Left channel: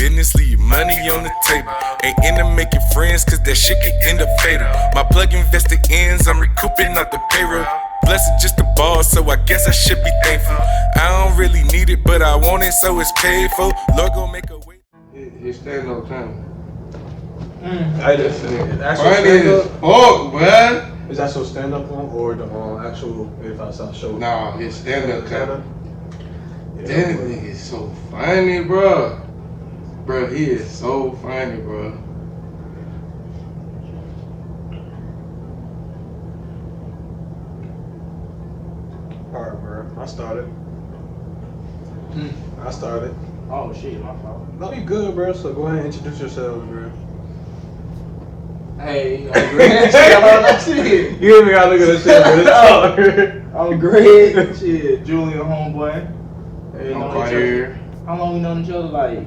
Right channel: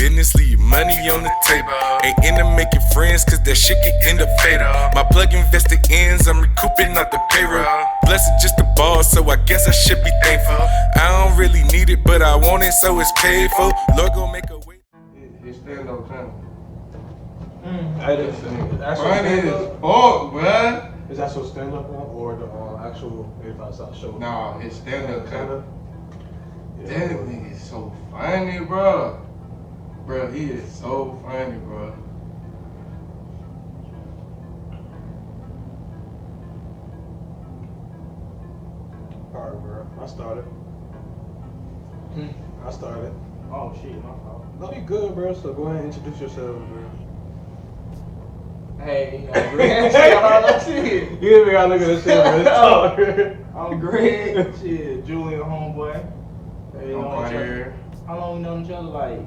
business, leave money on the table. Ain't into making friends, cause that shit can end up fatal. My plug invested ends, I'm recouping out the payroll. Blessed just a ball, so I guess I should be thankful. I don't really need it, but I want it, so it's paid for. Lord gon' make a way. It's stand-up time. I definitely. Funny as fuck, man. Is that your stand-up one or the actual 85 South show? Nah, it's stand-up time. That nigga is so funny, bro. Bro, he is so funny, bro. Alright, bro. I started. Oh shit, my fault. No, you good, bro. So go ahead and introduce yourself, bro. Hey, I'm Greg. Shit. You hear me? I look at this shit, bro. I'm Greg. Shit, Julian homeboy. Hey, I'm know quite each other. here. How long we known each other? Like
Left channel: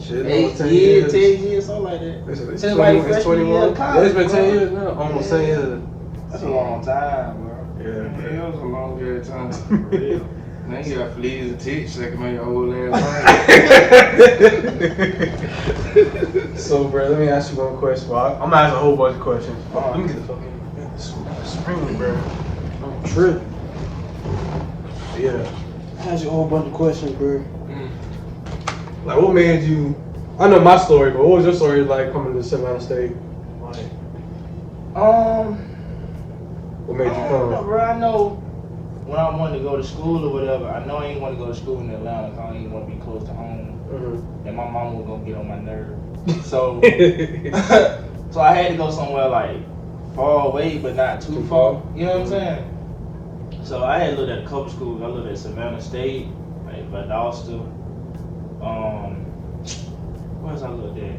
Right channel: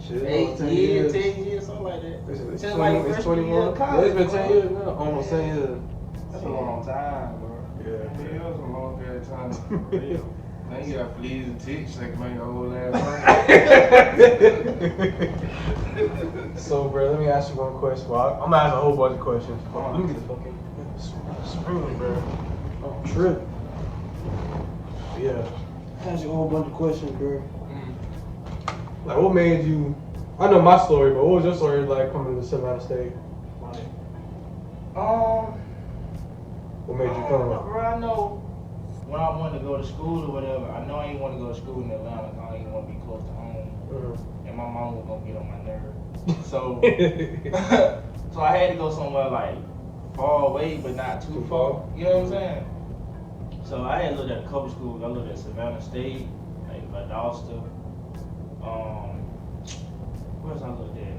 Shit, 8 almost 10 years, 10 years, something like that. It's Since like 20 freshman year of college. It's been 10 bro. years now. Almost 10 years. That's a long time, bro. Yeah. Yeah, it was a long period of time. For real. Now you got fleas and ticks sucking on your old ass. So, bro, let me ask you one question. Well, I'm gonna ask a whole bunch of questions. Let me get the fucking spring, bro. I'm tripping. Yeah. Ask you a whole bunch of questions, bro. Like, what made you? I know my story, but what was your story like coming to Savannah State? Like, what made you come? Bro, I know when I wanted to go to school or whatever, I know I ain't want to go to school in Atlanta. I ain't want to be close to home, and my mom was gonna get on my nerves. So, so I had to go somewhere like far away, but not too far. You know what I'm saying? So I had looked at a couple schools. I looked at Savannah State, like Valdosta. What else I looked at?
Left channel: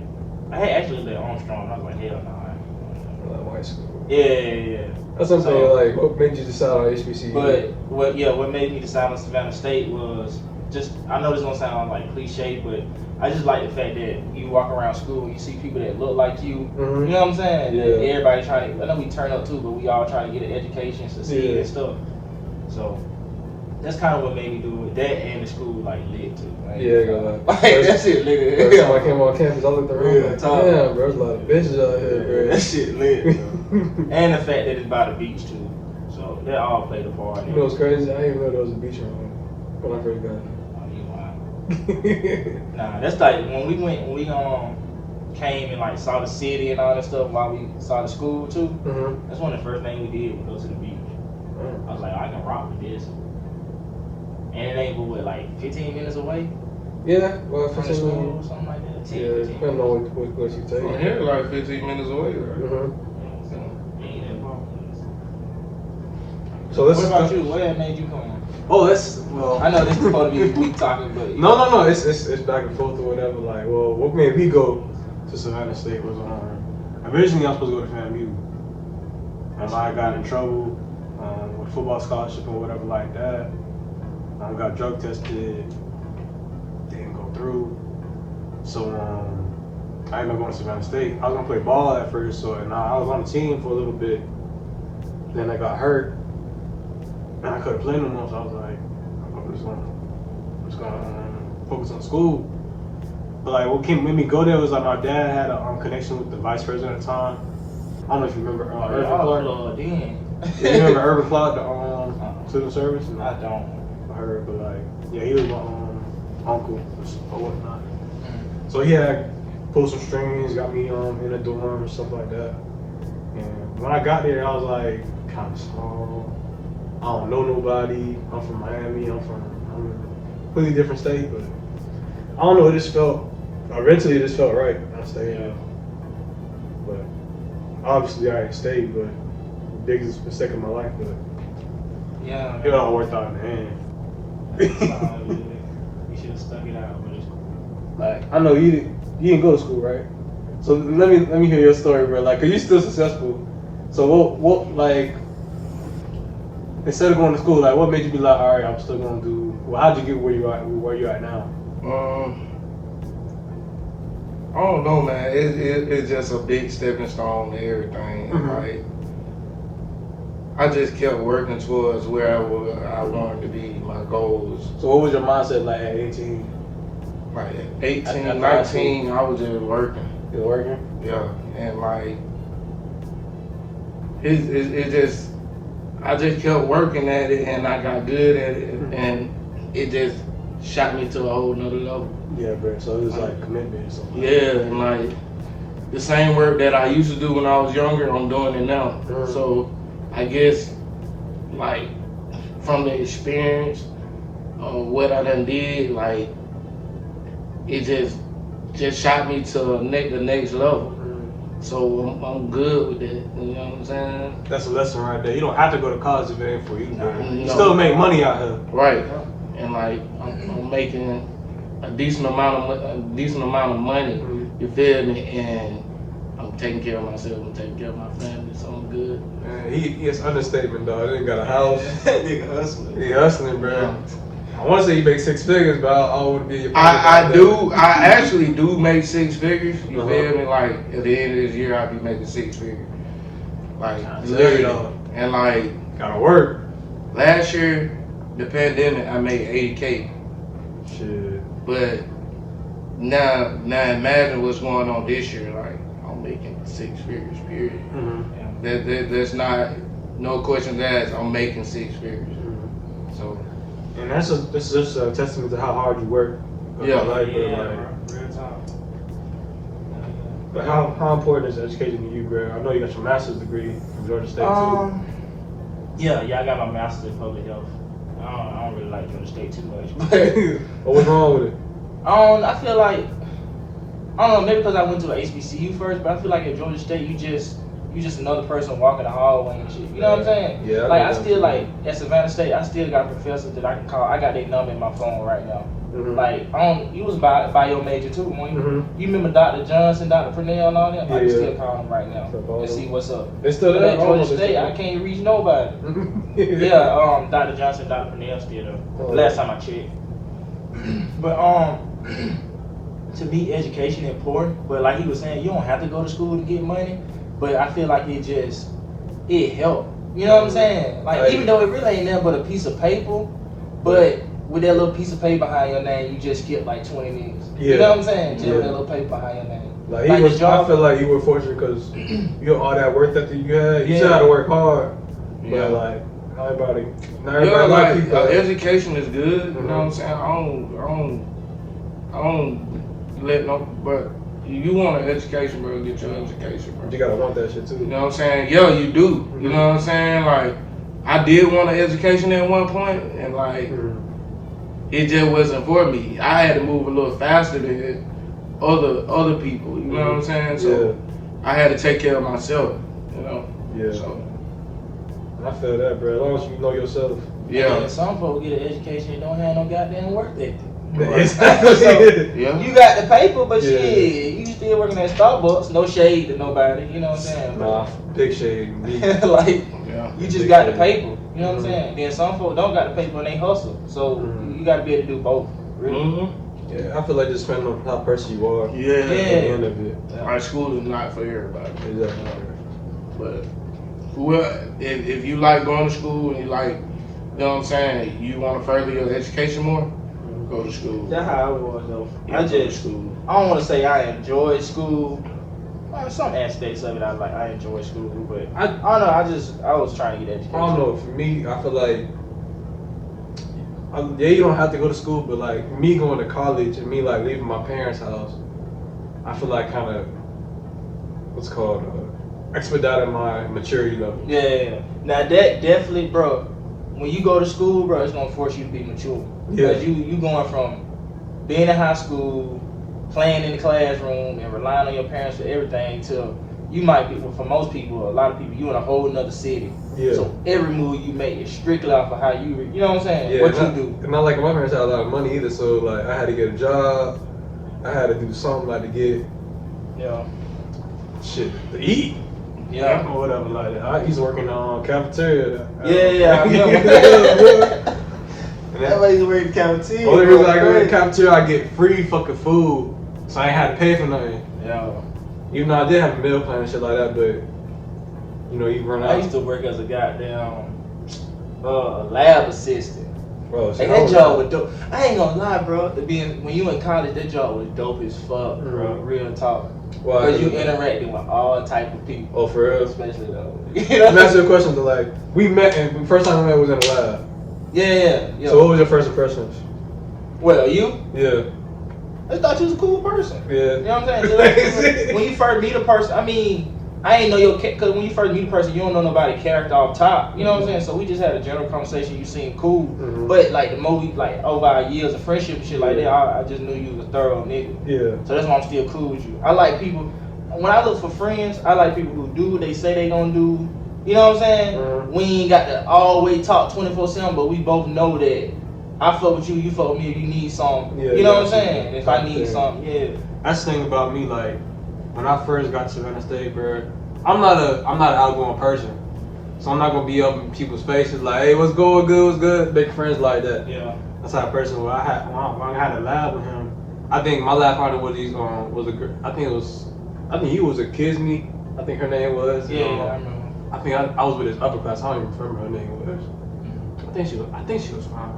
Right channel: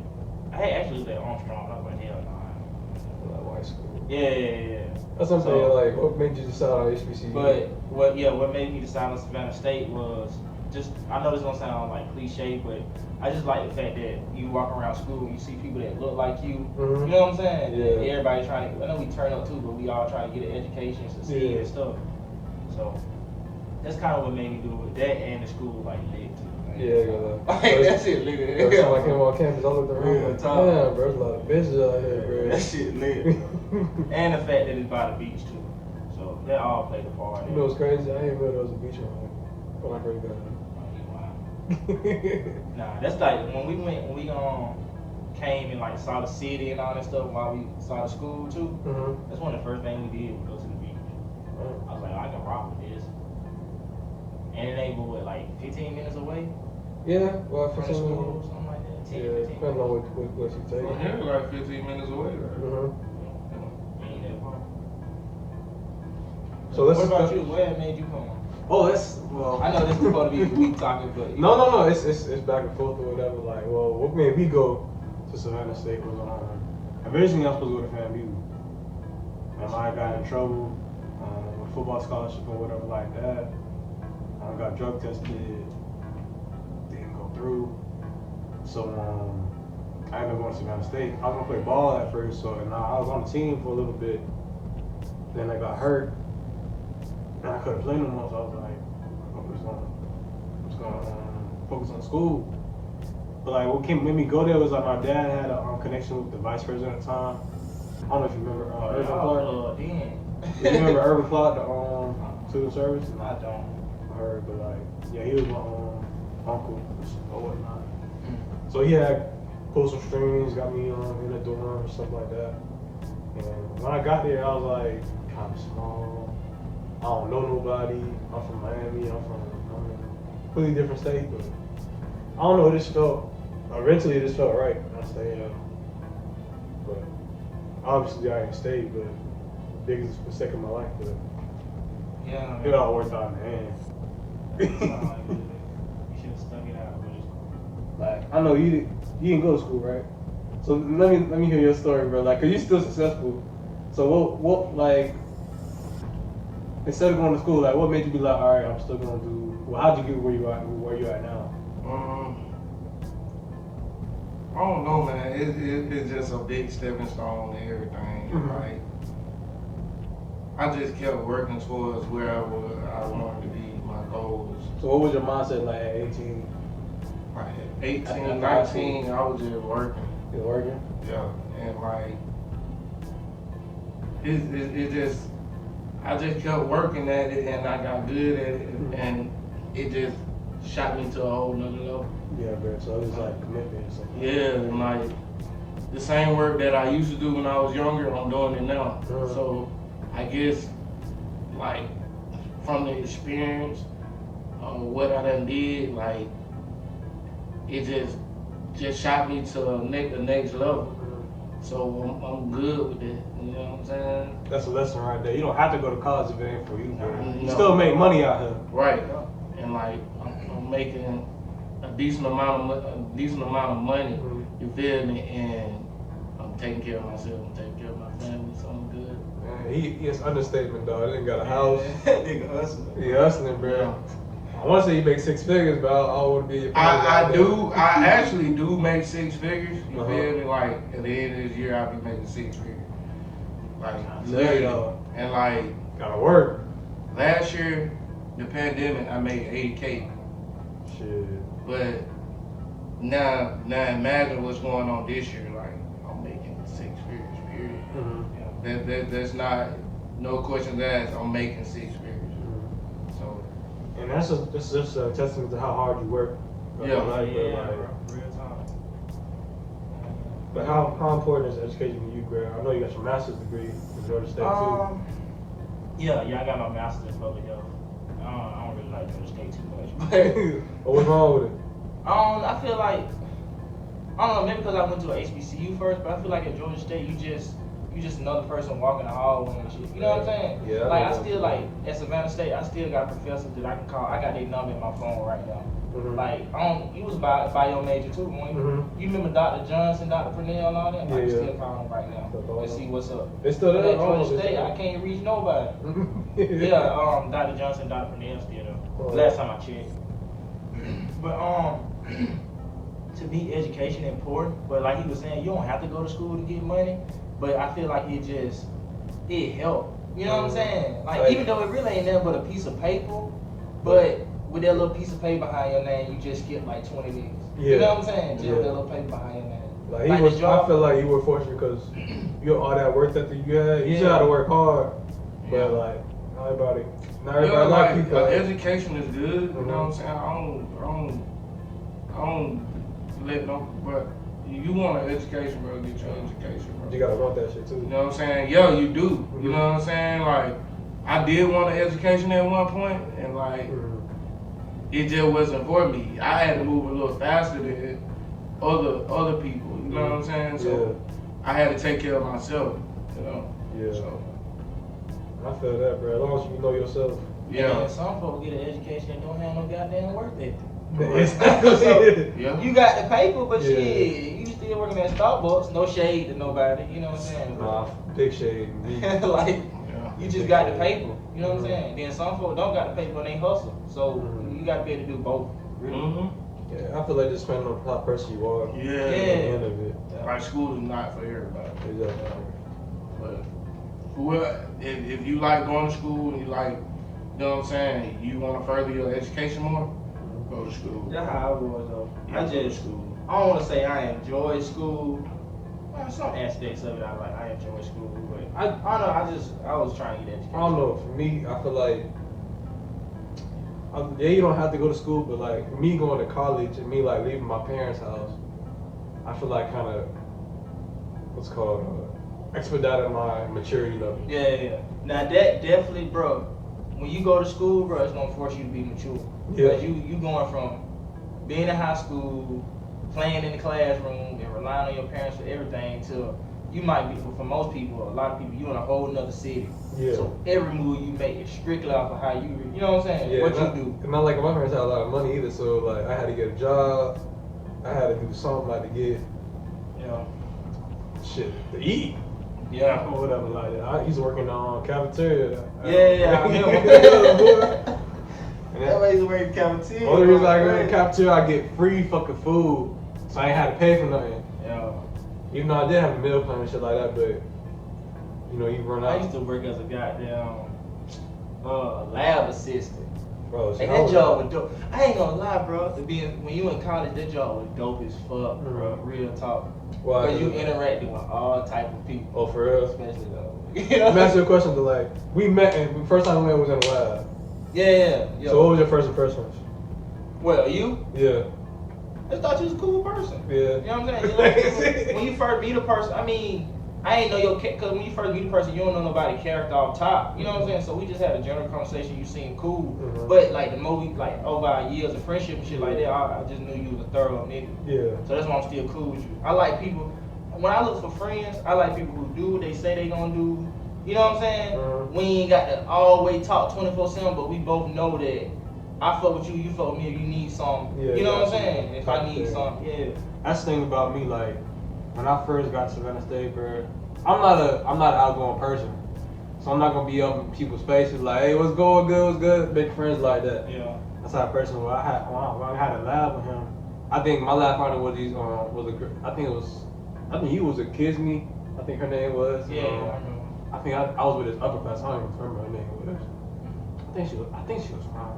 I had actually looked at Armstrong. I was like, hell no. White school. Yeah. That's what I'm saying. Like, what made you decide on HBCU? But what made me decide on Savannah State was just, I know this gonna sound like cliche, but I just like the fact that you walk around school and you see people that look like you. You know what I'm saying? Yeah. Everybody trying to, I know we turn up too, but we all trying to get an education, succeed and stuff. So that's kind of what made me do it. That and the school like lit too. Like, like that shit lit. First time I came on campus, I looked around. Like, top. damn, bro, there's a lot of bitches out here, bro. That shit lit. And the fact that it's by the beach too. So that all played a part. You know what's crazy? I didn't know there was a beach around when I first got here. Nah, that's like when we came and like saw the city and all that stuff while we saw the school too. That's one of the first things we did was go to the beach. I was like, I can rock with this. And it ain't what, like 15 minutes away? Yeah, well, From the school or something like that. 10, yeah, 15 depending on what you take. From here, like 15 minutes away, right? So let's. What about you? What made you come? Oh, that's well. I know this is supposed to be weak talking, but No. It's back and forth or whatever. Like, well, what made me go to Savannah State was originally I was supposed to go to FAMU. And I got in trouble with football scholarship or whatever like that. I got drug tested, didn't go through. So I ended up going to Savannah State. I was gonna play ball at first, so and I was on the team for a little bit. Then I got hurt, and I couldn't play no more. So I was like, I'm just gonna focus on school. But like, what made me go there was like my dad had a connection with the vice president at the time. I don't know if you remember. Irvin Clark. Yeah, you remember Irvin Clark, the civil service? I don't. I heard, but like, yeah, he was my uncle or whatnot. So he had pulled some strings, got me in the dorm and stuff like that. And when I got there, I was like kind of small. I don't know nobody. I'm from Miami. I'm a completely different state, but I don't know. It just felt. Eventually, it just felt right. I stayed. But obviously, I stayed. But biggest mistake of my life, but yeah, it all worked out in the end. You should have stuck it out, but it's cool. Like, I know you didn't go to school, right? So let me hear your story, bro. Like, 'cause you're still successful. So what like instead of going to school, like what made you be like, all right, I'm still gonna do? Well, how'd you get where you at now? I don't know, man. It's just a big stepping stone to everything. Like, I just kept working towards where I wanted to be, my goals. So what was your mindset like at 18? like I 18, 19, I was just working. You working? Yeah, and like it just I just kept working at it, and I got good at it, and it just shot me to a whole nother level. Yeah, bro. So it was like commitment. Or something. Yeah, and like the same work that I used to do when I was younger, I'm doing it now. So I guess like from the experience of what I done did, like it just shot me to the next level. So I'm good with that. You know what I'm saying? That's a lesson right there. You don't have to go to college if it ain't for you. You No. still make money out here. Right. And like I'm making a decent amount of money. You feel me? And I'm taking care of myself. I'm taking care of my family. So I'm good. Man, it's understatement, dog. They got a house. Nigga hustling. He hustling, bro. I want to say you make 6 figures, but I wouldn't be. I do. I actually do make 6 figures. You feel me? Like at the end of this year, I'll be making 6 figures. Like literally. And like Gotta work. last year, the pandemic, I made 80K. Shit. But now imagine what's going on this year. Like I'm making 6 figures. Period. That's not no questions asked. I'm making 6 figures. So. And that's just a testament to how hard you work. Yeah. Like, Real time. But how important is education to you, bro? I know you got your master's degree from Georgia State too. Yeah, I got my master's in public health. I don't really like Georgia State too much. What was wrong with it? I feel like, I don't know, maybe because I went to an HBCU first, but I feel like at Georgia State, you just another person walking the hallway and shit. You know what I'm saying? Yeah. Like, I still, like, at Savannah State, I still got professors that I can call. I got their number in my phone right now. Like, you was bio major too, when you remember Dr. Johnson, Dr. Purnell, and all them? I can still call them right now and see what's up. They still But there? at Georgia State, I can't reach nobody. Yeah, Dr. Johnson, Dr. Purnell still there. Last time I checked. But to me, education important. But like he was saying, you don't have to go to school to get money. But I feel like it helped. You know what I'm saying? Like even though it really ain't nothing but a piece of paper, but with that little piece of paper behind your name, you just get like 20 minutes. You know what I'm saying? Just with that little paper behind your name. Like I feel like you were fortunate because you know all that work that you had. You still had to work hard. Yeah. But like not everybody Yeah, like people. education is good. You know what I'm saying? I don't let no. But you want an education, bro? Get your education, bro. You gotta want that shit too. You know what I'm saying? Yeah, you do. You know what I'm saying? Like I did want an education at one point, and like it just wasn't for me. I had to move a little faster than other people. You know what I'm saying? So I had to take care of myself. You know. Yeah. So. I feel that, bro. As long as you know yourself. Yeah. And some folks get an education and don't have no goddamn work ethic. Yeah. You got the paper, but Yeah. shit, you still working at Starbucks. No shade to nobody, you know what I'm saying? Nah, big shade. Like, Yeah. you just got the paper, you know what I'm saying? Then some folks don't got the paper and they hustle. So you got to be able to do both. Really. Yeah, I feel like just depending on how person you are. Yeah. At the end of it. Our school is not for everybody. Exactly. But well, if you like going to school and you like, you know what I'm saying, you want to further your education more, go to school. That's how I was though. Yeah, I go to just, school. I don't want to say I enjoy school. Some aspects of it, I enjoy school, but I don't know. I was trying to get education. I don't know. For me, I feel like you don't have to go to school, but like me going to college and me like leaving my parents' house, I feel like kind of what's called expedited my maturity level. Yeah. Now that definitely, bro. When you go to school, bro, it's gonna force you to be mature. Yeah. Because you going from being in high school, playing in the classroom, and relying on your parents for everything to you might be, for most people, a lot of people, you in a whole nother city. Yeah. So every move you make is strictly off of how you know what I'm saying? Yeah, What you not, do. And not like my parents had a lot of money either, so like I had to get a job, I had to do something like to get shit to eat. Yeah. Or whatever like that. I used to work in the cafeteria. Yeah. That way you work in the cafeteria. Only reason I go to the cafeteria, I get free fucking food, so I ain't had to pay for nothing. Yeah. Even though I did have a meal plan and shit like that, but you know, you run out. I used to work as a goddamn lab assistant. Bro, Like that job was dope. I ain't gonna lie, bro. When you in college, that job was dope as fuck, bro. Real talk. Because you interacting with all type of people. Oh, for real? Especially though. Let me ask you a question. Though, like, we met, and the first time we met was in the lab. Yeah. So what was your first impressions? Well, you? Yeah. I thought you was a cool person. Yeah. You know what I'm saying? Like, when you first meet a person, I mean, I ain't know your because when you first meet a person, you don't know nobody's character off top. You know what I'm saying? So we just had a general conversation. You seemed cool, but like the movie, like over our years of friendship and shit like that, I just knew you was a thorough nigga. Yeah. So that's why I'm still cool with you. I like people. When I look for friends, I like people who do what they say they gonna do. You know what I'm saying? We ain't got to always talk 24/7, but we both know that I fuck with you, you fuck with me if you need something. Yeah, you know what I'm saying? If I need something, yeah. That's the thing about me, like, when I first got to Savannah State, bro, I'm not an outgoing person. So I'm not gonna be up in people's faces like, hey, what's going good, what's good? Make friends like that. Yeah. That's how a person when I had a lab with him, I think my lab partner was I think he was a Kisme. I think her name was. Yeah, I remember. I think I was with his upper class. I don't even remember her name was. I think she was fine.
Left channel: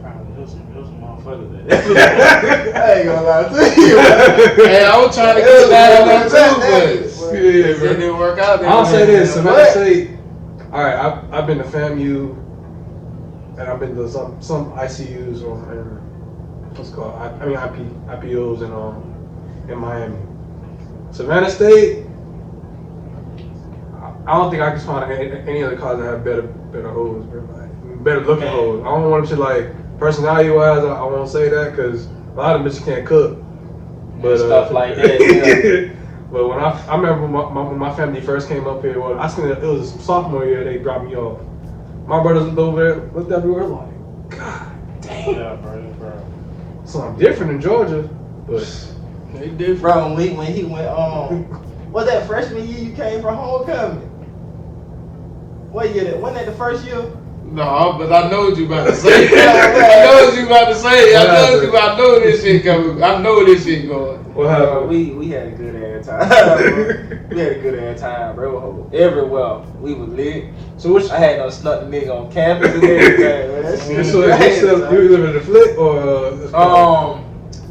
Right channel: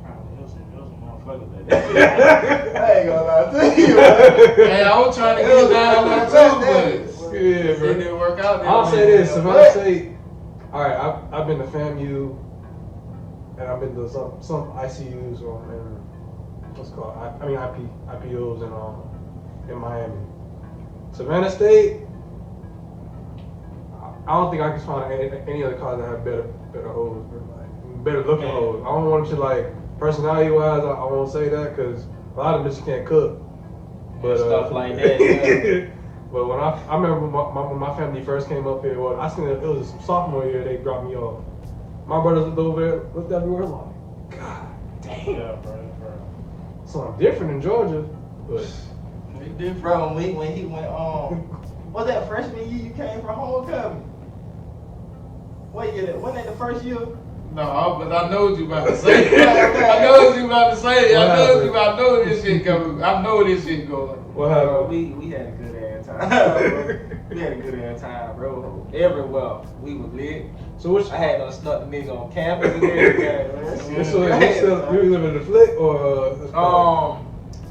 Probably it was a motherfucker that. I ain't gonna lie to you. Hey, I was trying to get down there too, but it didn't work out. I'll say this. Savannah State. All right, I've been to FAMU, and I've been to some ICUs and what's it called? IPOs in Miami. Savannah State. I don't think I can find any other college that have better hoes, better looking hoes. I don't want to like personality wise. I won't say that because a lot of bitches can't cook. But stuff like that. Yeah. But when I remember when my family first came up here, well, I seen it was sophomore year they dropped me off. My brothers looked over there, looked everywhere like, God damn. Yeah, bro. Something different in Georgia, but They different. Bro, when he went was that freshman year you came from homecoming? What year that? Wasn't that the first year? No, but I know what you about to say. I know what you about to say. I know this shit coming. I know this shit going. what happened? We had a good ass time. We had a good ass time, bro. Everywhere we was lit. So which? I had no snuck the nigga on campus and everything, man. That shit So was you live in the Flick or?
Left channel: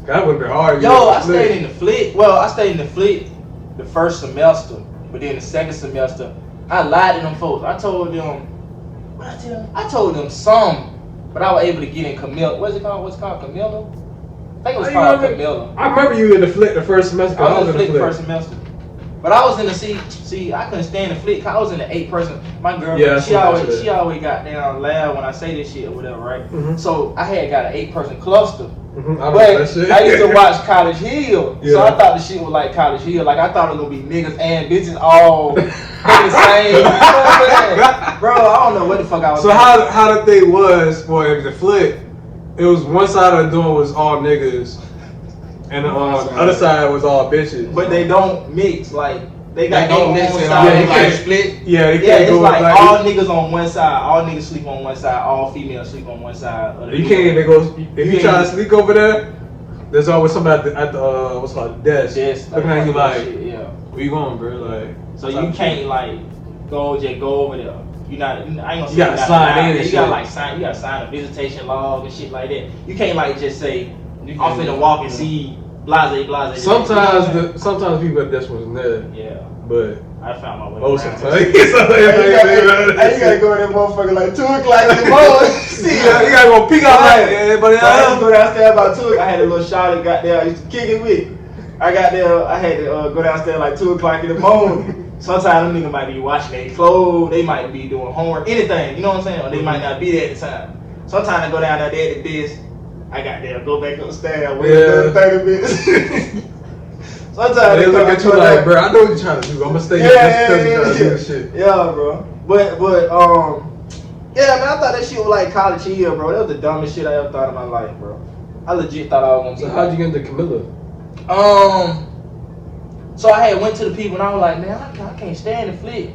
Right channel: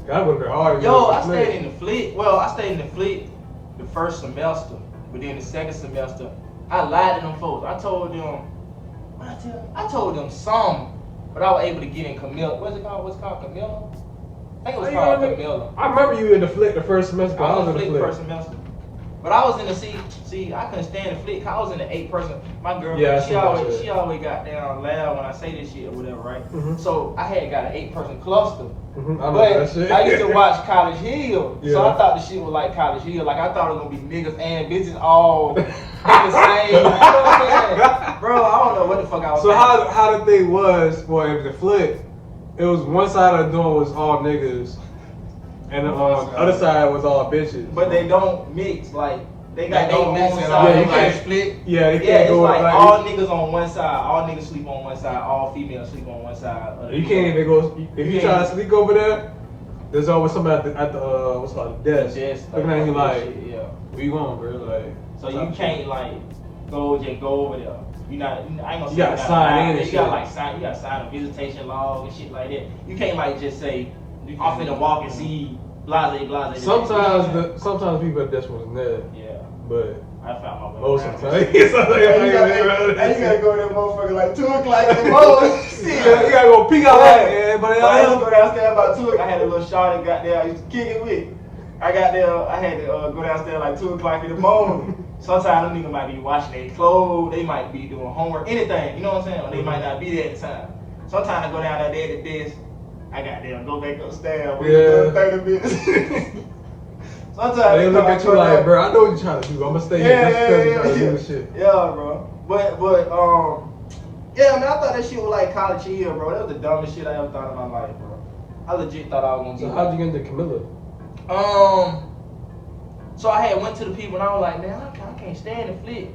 That would have been hard. Yo, I stayed in the Flick. Well, I stayed in the Flick the first semester, but then the second semester, I lied to them folks. I told them some, but I was able to get in Camilla. What's it called? What's it called? Camilla? I think it was called Camilla. I remember you in the Flick the first semester. I was in the Flick the first semester. But I was in the see, I couldn't stand the Flick. I was in the 8-person. My girlfriend, she always got down loud when I say this shit or whatever, right? Mm-hmm. So I had got an 8-person cluster. Mm-hmm. But I used to watch College Hill, so I thought the shit was like College Hill. Like I thought it was gonna be niggas and bitches all the same. You know what I'm saying? Bro, I don't know what the fuck I was. So how the thing was for the Flick, it was one side of the door was all niggas, and the other side was all bitches. But they don't mix like. They don't mix it all. They like split. Yeah, it's like all niggas on one side, all niggas sleep on one side, all females sleep on one side. You can't even go if you try to sneak over there. There's always somebody at the what's called desk looking at you like, where you going, bro? Like, so you can't like go over there. You not. I ain't gonna say you gotta sign in. You gotta like sign. You gotta sign a visitation log and shit like that. You can't like just say I'm finna walk and see. Blase. Sometimes people at this wasn't there. Yeah. But I found my way. Most around. of the time. You gotta go in that motherfucker like 2 o'clock in the morning. See, you gotta go peek out like everybody else. I had to go downstairs about 2. I had a little shot that got there. I used to kick it with. I got there. I had to go downstairs like 2 o'clock in the morning. Sometimes them niggas might be washing their clothes. They might be doing homework, anything. You know what I'm saying? Or they might not be there at the time. Sometimes I go down there at the desk. I got there, go back upstairs, wait another 30 minutes. Sometimes they look at you like, bro, I know what you're trying to do. I'm gonna stay here. Yeah, bro. But yeah, man, I thought that shit was like College Hill, bro. That was the dumbest shit I ever thought in my life, bro. I legit thought I was gonna be. So how'd you get into Camilla? So I had went to the people and I was like, man, I can't stand the Flick.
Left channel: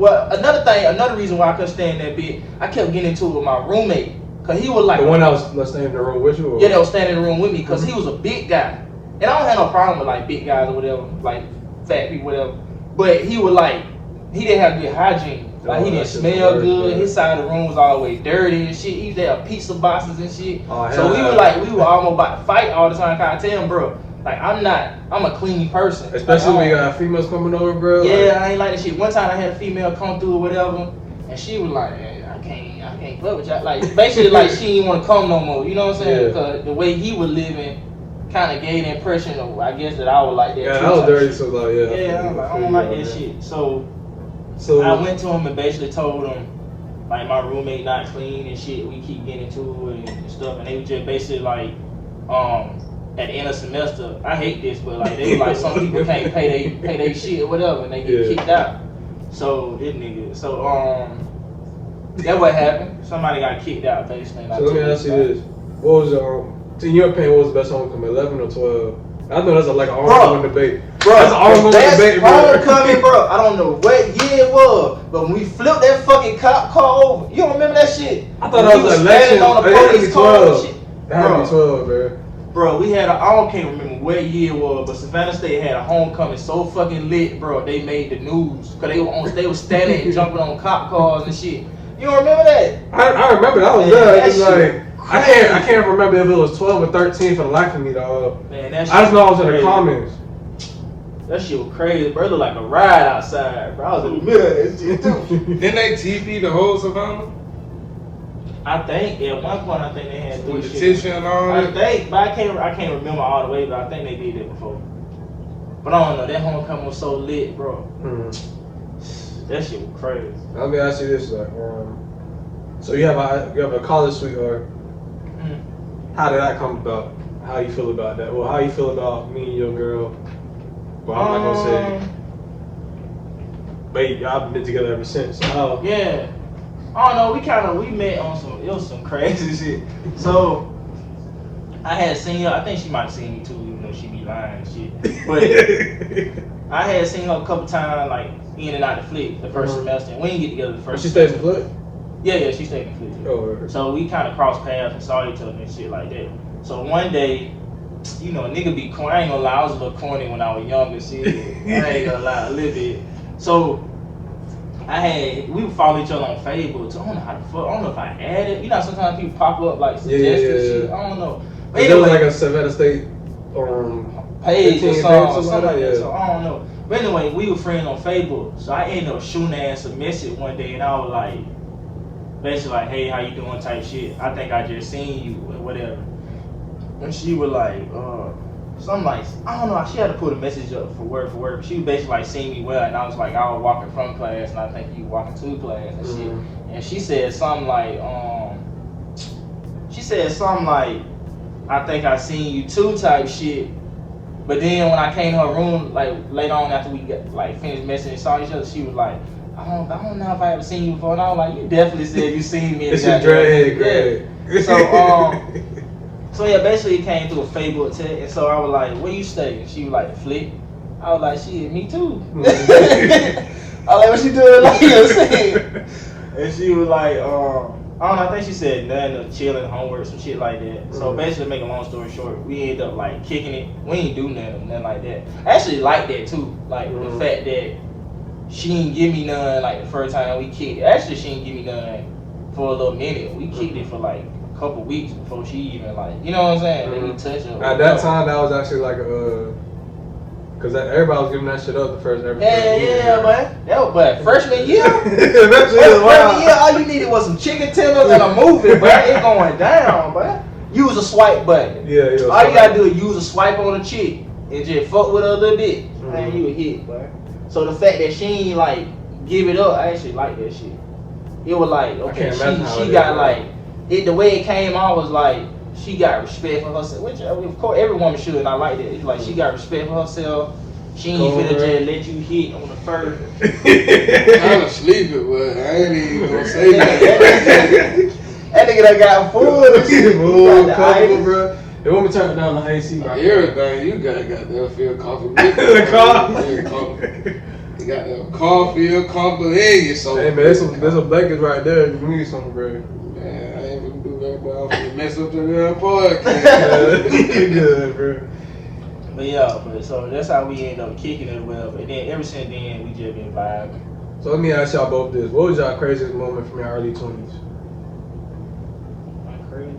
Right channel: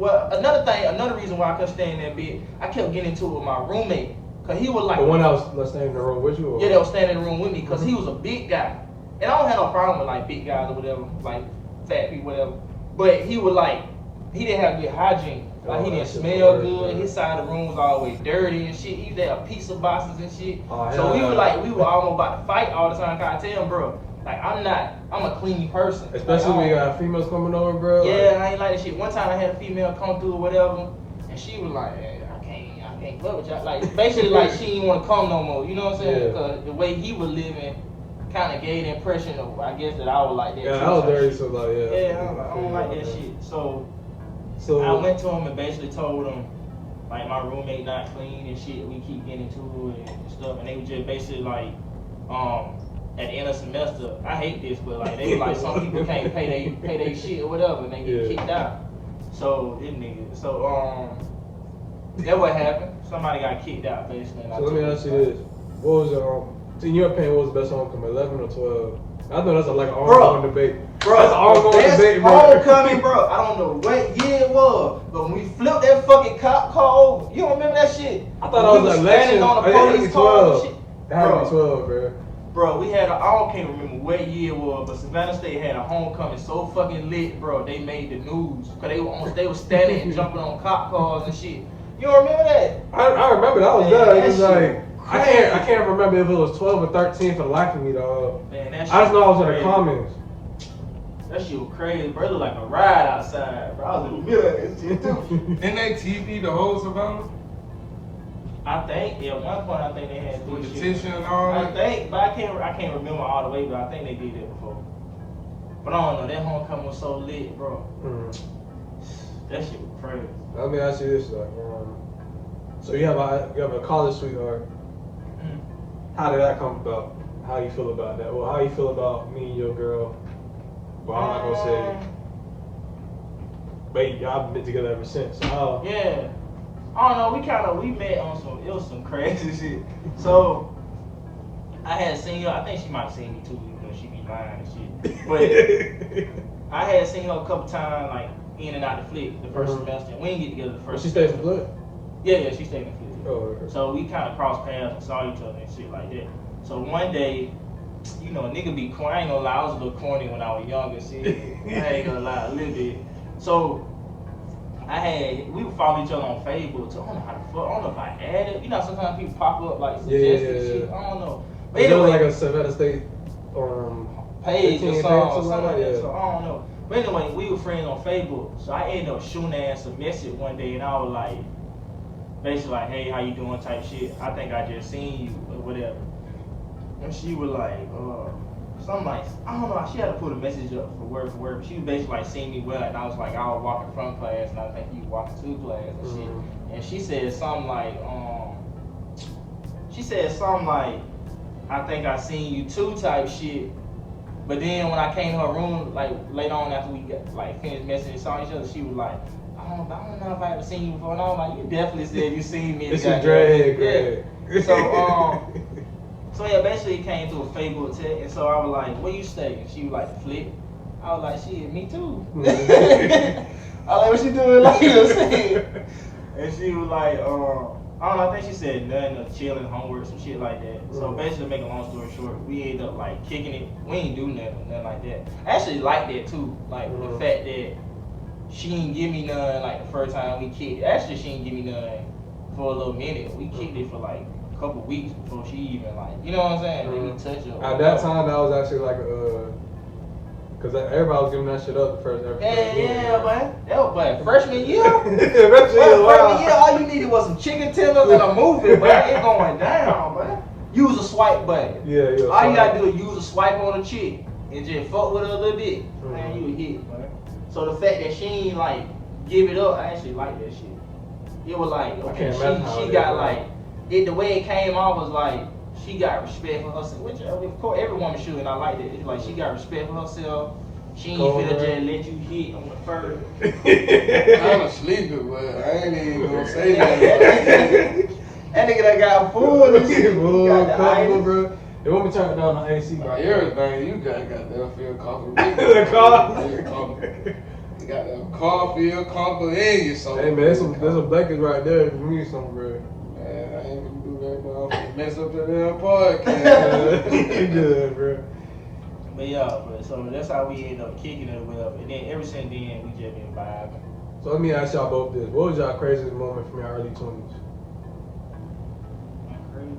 Another reason why I couldn't stand that bit, I kept getting into it with my roommate. Cause he was like the one that was staying in the room with you? Or? Yeah, that was standing in the room with me because he was a big guy. And I don't have no problem with like big guys or whatever, like fat people, whatever. But he was like, he didn't have good hygiene. Like he didn't smell good. His side of the room was always dirty and shit. He used to have pizza boxes and shit. So we were almost about to fight all the time. Cause I tell him, bro, like I'm a clean person. Especially when you got females coming over, bro. Yeah, I ain't like that shit. One time I had a female come through or whatever, and she was like, hey, I can't fuck with y'all. Like basically like she didn't want to come no more. You know what I'm saying? Because the way he was living kind of gave the impression of, I guess, that I was like that. Yeah, I was dirty, so like, yeah, I'm like, I don't like that shit. So I went to him and basically told him, like, my roommate not clean and shit. We keep getting into it and stuff, and they were just basically like, at the end of semester, I hate this, but like they like some people can't pay they shit or whatever, and they get kicked out. So this nigga, that what happened. Somebody got kicked out basically. So let me ask you this: what was in your opinion, what was the best homecoming, 11 or 12? I know that's like an ongoing debate. Bro, that's an ongoing debate, bro. Homecoming, bro. I don't know what year it was, but when we flipped that fucking cop car over, you don't remember that shit? I thought that was election on the police car and shit. It had to be 12, bro. Bro, we had I can't remember what year it was, but Savannah State had a homecoming so fucking lit, bro. They made the news because they was standing and jumping on cop cars and shit. You don't remember that? I remember that was there. It's like I can't remember if it was 12 or 13 for the life of me, dog. Man, that shit I just know I was crazy. In the comments. That shit was crazy, bro. It looked like a ride outside, bro. I was in the middle of that shit too. Didn't they TP the whole Savannah? I think at one point I think they had with the tissue and all that. I think, but I can't remember all the way, but I think they did that before. But I don't know. That homecoming was so lit, bro. That shit was crazy. Let me ask you this: like, so you have a college sweetheart. How did that come about? How you feel about that? Well, how you feel about me and your girl? Well, I'm not gonna say. But y'all been together ever since. So yeah. I don't know, we met on it was some crazy shit. So, I had seen her, I think she might have seen me too, even though she be lying and shit. But, I had seen her a couple times, like, in and out the flick the first semester. And we didn't get together the first semester. She stayed in the flick? Yeah, she stayed in the flick. Oh, so, we kind of crossed paths and saw each other and shit like that. So, one day, you know, nigga be corny. I ain't gonna lie, I was a little corny when I was younger, shit. I ain't gonna lie, a little bit. So, we would follow each other on Facebook. So I don't know how the fuck. I don't know if I added. You know, sometimes people pop up like suggested shit. I don't know. But anyway, like a Savannah State page or something like that. So I don't know. But anyway, we were friends on Facebook. So I ended up shooting ass a message one day, and I was like, basically like, hey, how you doing? Type shit. I think I just seen you or whatever. And she was like, something like, I don't know, she had to put a message up for work, but she basically like seen me well, and I was like, I was walking from class, and I think you were walking to class and shit. And she said something like, I think I seen you too type shit. But then when I came to her room, like later on after we got like finished messaging and saw each other, she was like, I don't know if I ever seen you before. And I was like, you definitely said you seen me. It's your dreadhead, yeah. So yeah, basically it came through a Facebook text, and so I was like, where you stay? And she was like, Flick. I was like, shit, me too. I was like, what you doing? Like, you know what I'm saying? And she was like, I don't know, I think she said nothing or chilling, homework, some shit like that. So basically, make a long story short, we ended up like kicking it. We ain't do nothing like that. I actually like that too, like the fact that she didn't give me none like the first time we kicked it. Actually, she didn't give me none for a little minute. We kicked it for like couple weeks before she even like, you know what I'm saying? They didn't touch her. At that time, that was actually like cause everybody was giving that shit up the first ever. Yeah, man. That was freshman year. Freshman year, all you needed was some chicken tenders and a movie, bro. It going down, bro. Use a swipe button. Yeah. All you gotta do is use a swipe on a chick and just fuck with her a little bit. Man, you a hit, bro. So the fact that she ain't like give it up, I actually like that shit. It was like, okay, she got like. The way it came out was like she got respect for herself, which of course every woman should, and I like that. It's like she got respect for herself. She ain't finna just let you hit on the first. I'm sleeping, but I ain't even gonna say that. That nigga done got food and shit. Bro. They want me to turn down the AC. Everything you got there feel comfortable. The car. You got that car feel comfortable in you, so. Hey man, there's some blankets right there. You need some, bro. I'm gonna mess up the damn podcast. Good, bro. But yeah, so that's how we end up kicking it or whatever. And then ever since then, we just been vibing. So let me ask y'all both this. What was y'all craziest moment from your early 20s? I'm crazy.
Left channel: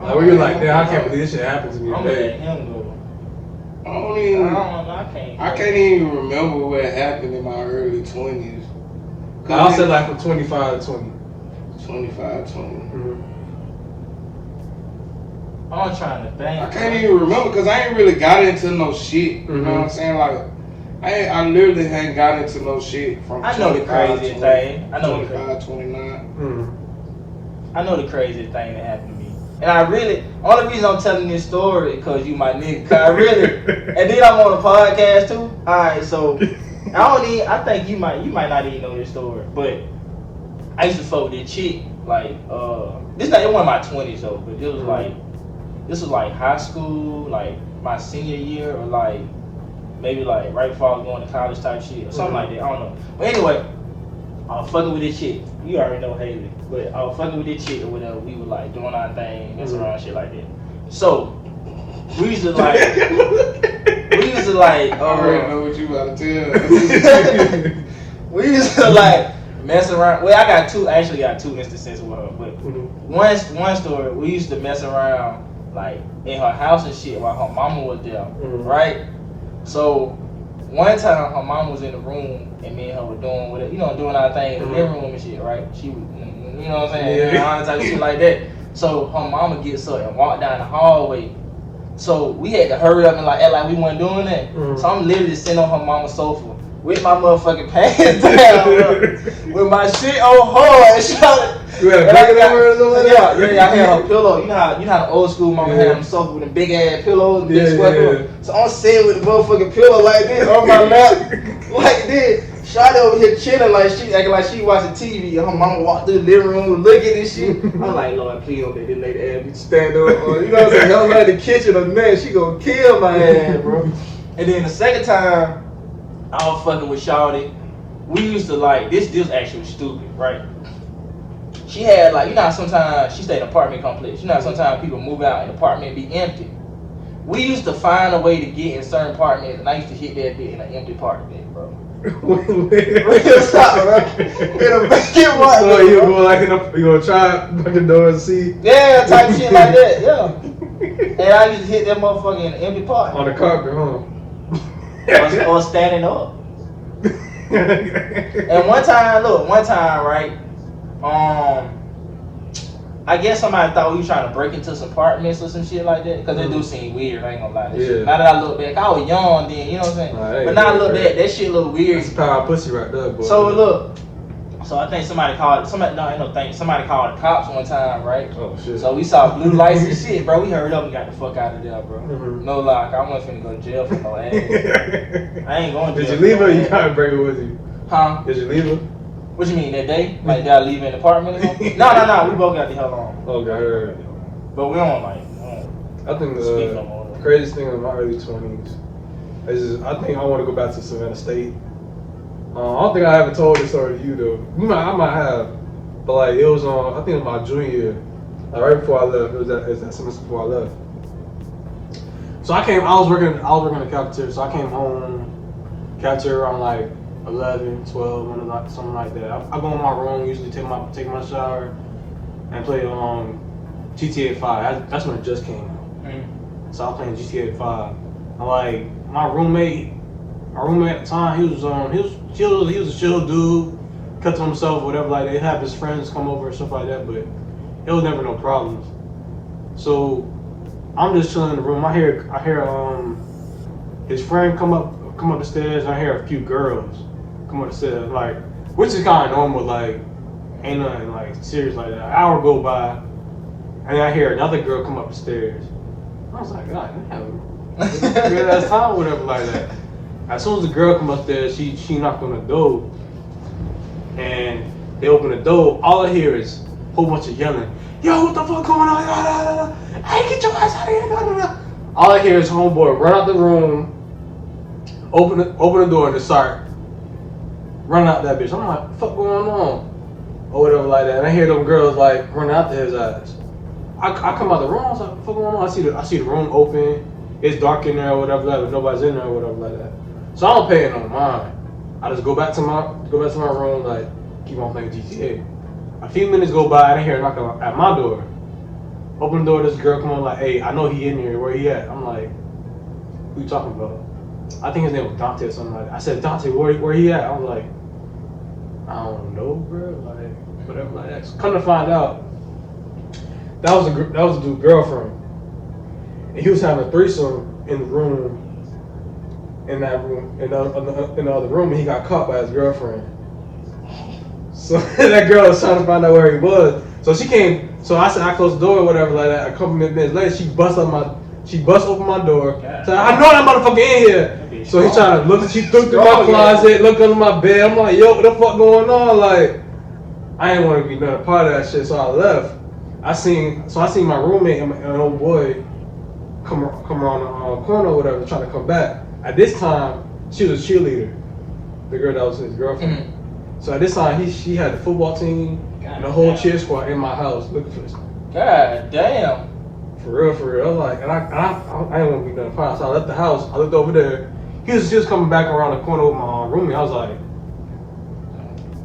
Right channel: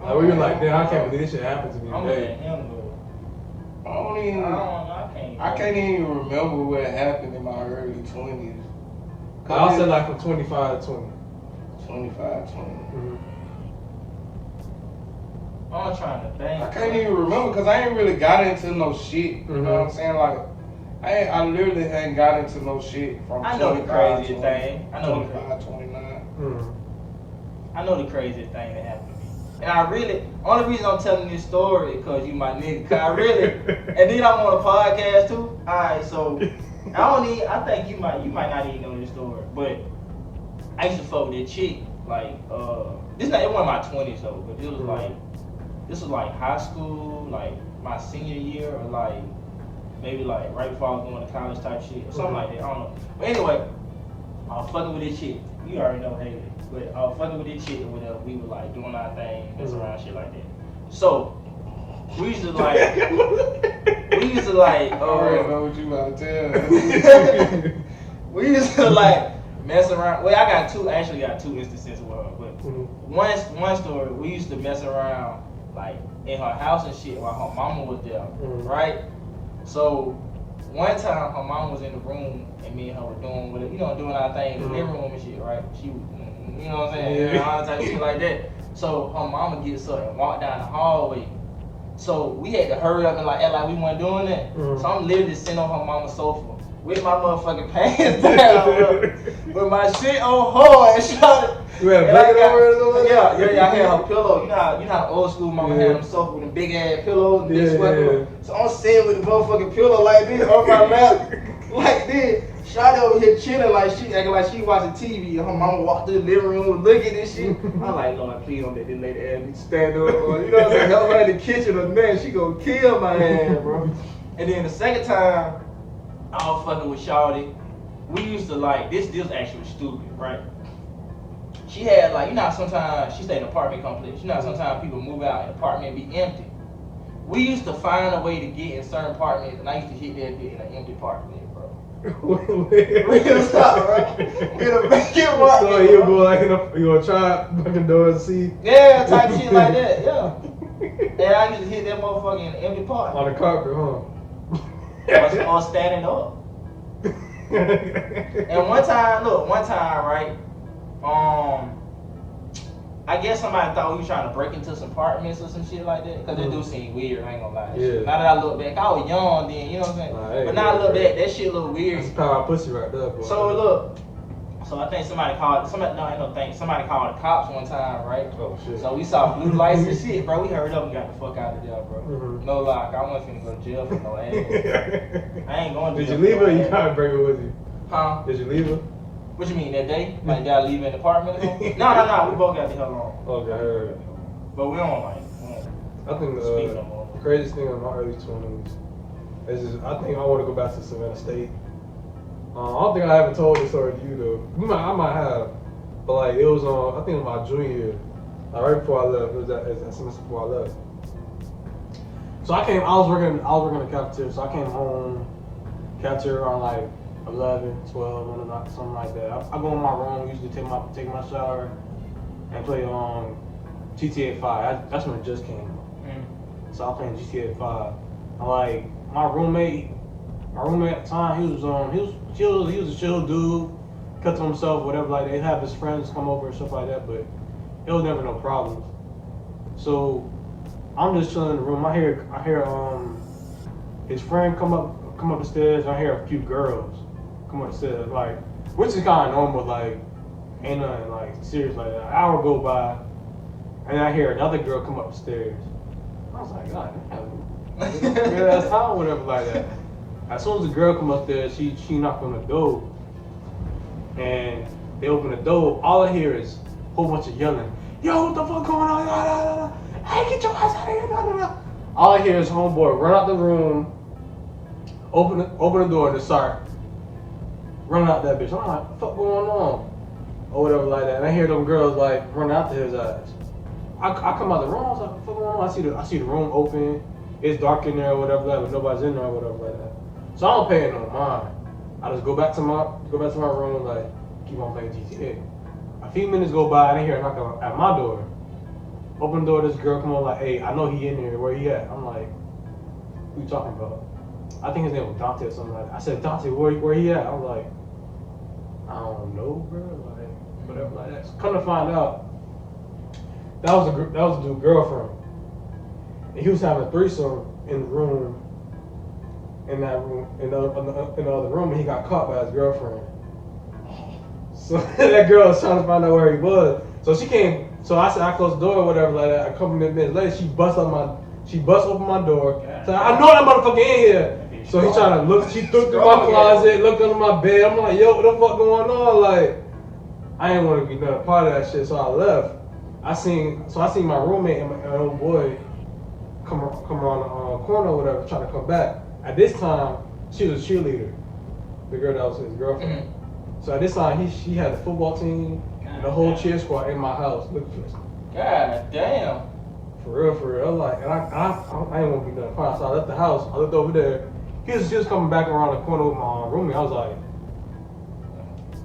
Like, where you're like, damn, I can't believe this shit happened to me I'm gonna today. let him go. I don't I even. don't know. I can't even remember what happened in my early 20s. I'll say like from 25 to 20. 25, 20. Mm-hmm. I'm trying to think. I can't even remember because I ain't really got into no shit. You know what I'm saying? Like, I literally hadn't got into no shit from I know the 25, crazy 20, thing. I know 25, 29. Mm-hmm. I know the craziest thing that happened to me. And I really, only reason I'm telling this story is because you my nigga. Cause I really, and then I'm on a podcast too. Alright, so I think you might not even know this story. But I used to fuck with this chick, like, it wasn't my 20s though, but this was like high school, like my senior year, or like, maybe like right before I was going to college type shit, or something like that, I don't know. But anyway, I was fucking with this chick. You already know Haley. But I was fucking with this chick or whatever. We were like doing our thing, messing around, shit like that. So, we used to like, I already know what you about to tell. we used to like mess around. Well, I actually got two instances with her. But one story, we used to mess around like in her house and shit while her mama was there, right? So, one time her mom was in the room and me and her were doing doing our thing in the living room and shit, right? She was, you know what I'm saying, all that type of shit like that. So her mama gets up and walk down the hallway. So we had to hurry up and like act like we weren't doing that. So I'm literally sitting on her mama's sofa with my motherfucking pants down, bro, with my shit on hard. You had a blanket on her or something? Yeah, I had her pillow. You know how the old school mama had them sofa with the big ass pillows, big square pillow. So I'm sitting with the motherfucking pillow like this on my lap, like this. Shawty over here chilling like she acting like she watching TV, and her mama walked through the living room looking at this shit. I'm like, Lord, please don't let this lady ass be stand up. Or, you know what I'm saying? Help her in the kitchen or man, she gonna kill my ass, bro. And then the second time, I was fucking with Shawty. We used to like this actually stupid, right? She had like, you know how sometimes she stayed in an apartment complex. You know how sometimes people move out and the apartment be empty. We used to find a way to get in certain apartments, and I used to hit that bitch in an empty apartment, bro. Stop, bro. In a vacant apartment. So you go like you gonna try fucking door and see? Yeah, type shit like that, yeah. And I used to hit that motherfucker in an empty apartment. On the carpet, huh? Or standing up. And one time, right? I guess somebody thought we was trying to break into some apartments or some shit like that. Cause it do seem weird, I ain't gonna lie. Shit. Now that I look back, I was young then, you know what I'm saying? But now I look back, that shit look weird. That's power pussy right there, boy. So I think somebody called the cops one time, right? Oh shit. So we saw blue lights and shit, bro. We hurried up and got the fuck out of there, bro. No lie, I wasn't finna go to jail for no ass. I ain't going to jail. Did you leave her or you tried to break it with you? Huh? Did you leave her? What you mean, that day? Like, did I leave in the apartment or something? No, we both got the hell on. Okay. But we don't like, I think speak no more. the craziest thing in my early 20s is I think I want to go back to Savannah State. I don't think I ever told this story to you though. I might have, but like it was on. I think my junior year, like right before I left. It was that semester before I left. So I was working in the cafeteria. So I came home, cafeteria around like 11, 12, something like that. I go in my room, usually take my shower, and play GTA 5. That's when it just came out. So I was playing GTA 5. And like my roommate at the time, he was a chill dude, kept to himself, whatever like that. He'd have his friends come over and stuff like that, but it was never no problems. So I'm just chilling in the room. I hear his friend come up the stairs. I hear a few girls come up the stairs, like, which is kind of normal, like, ain't nothing like serious like that. An hour go by, and I hear another girl come up the stairs. I was like, God damn, that's time or whatever like that. As soon as the girl come up there, she knocked on the door, and they open the door. All I hear is a whole bunch of yelling. Yo, what the fuck going on? Hey, get your ass out of here! All I hear is homeboy run out the room, open the door, and just start running out that bitch. I'm like, what the fuck going on? Or whatever like that. And I hear them girls like running after his ass. I come out the room. I was like, what the fuck going on? I see the room open. It's dark in there or whatever like that. Nobody's in there or whatever like that. So I don't pay it no mind. I just go back to my room, like keep on playing GTA. A few minutes go by, I didn't hear a knock at my door. Open the door, this girl come on like, hey, I know he in here. Where he at? I'm like, who you talking about? I think his name was Dante or something like that. I said, Dante, where he at? I was like, I don't know, bro. Like whatever like that. So come to find out, that was a dude's girlfriend, and he was having a threesome in the room. In that room, in the other room, and he got caught by his girlfriend. So that girl was trying to find out where he was. So she came. So I said I closed the door or whatever like that. A couple minutes later, she bust open my door. So I know that motherfucker in here. So he trying to look. She threw through my closet, looked under my bed. I'm like, yo, what the fuck going on? Like, I didn't want to be another part of that shit. So I left. I seen my roommate and an old boy come around the corner or whatever, trying to come back. At this time, she was a cheerleader, the girl that was his girlfriend. So at this time, she had the football team and the whole cheer squad in my house looking for this. God damn. For real. I was like, and I didn't want to be done part. So I left the house. I looked over there. He was just coming back around the corner with my roommate. I was like,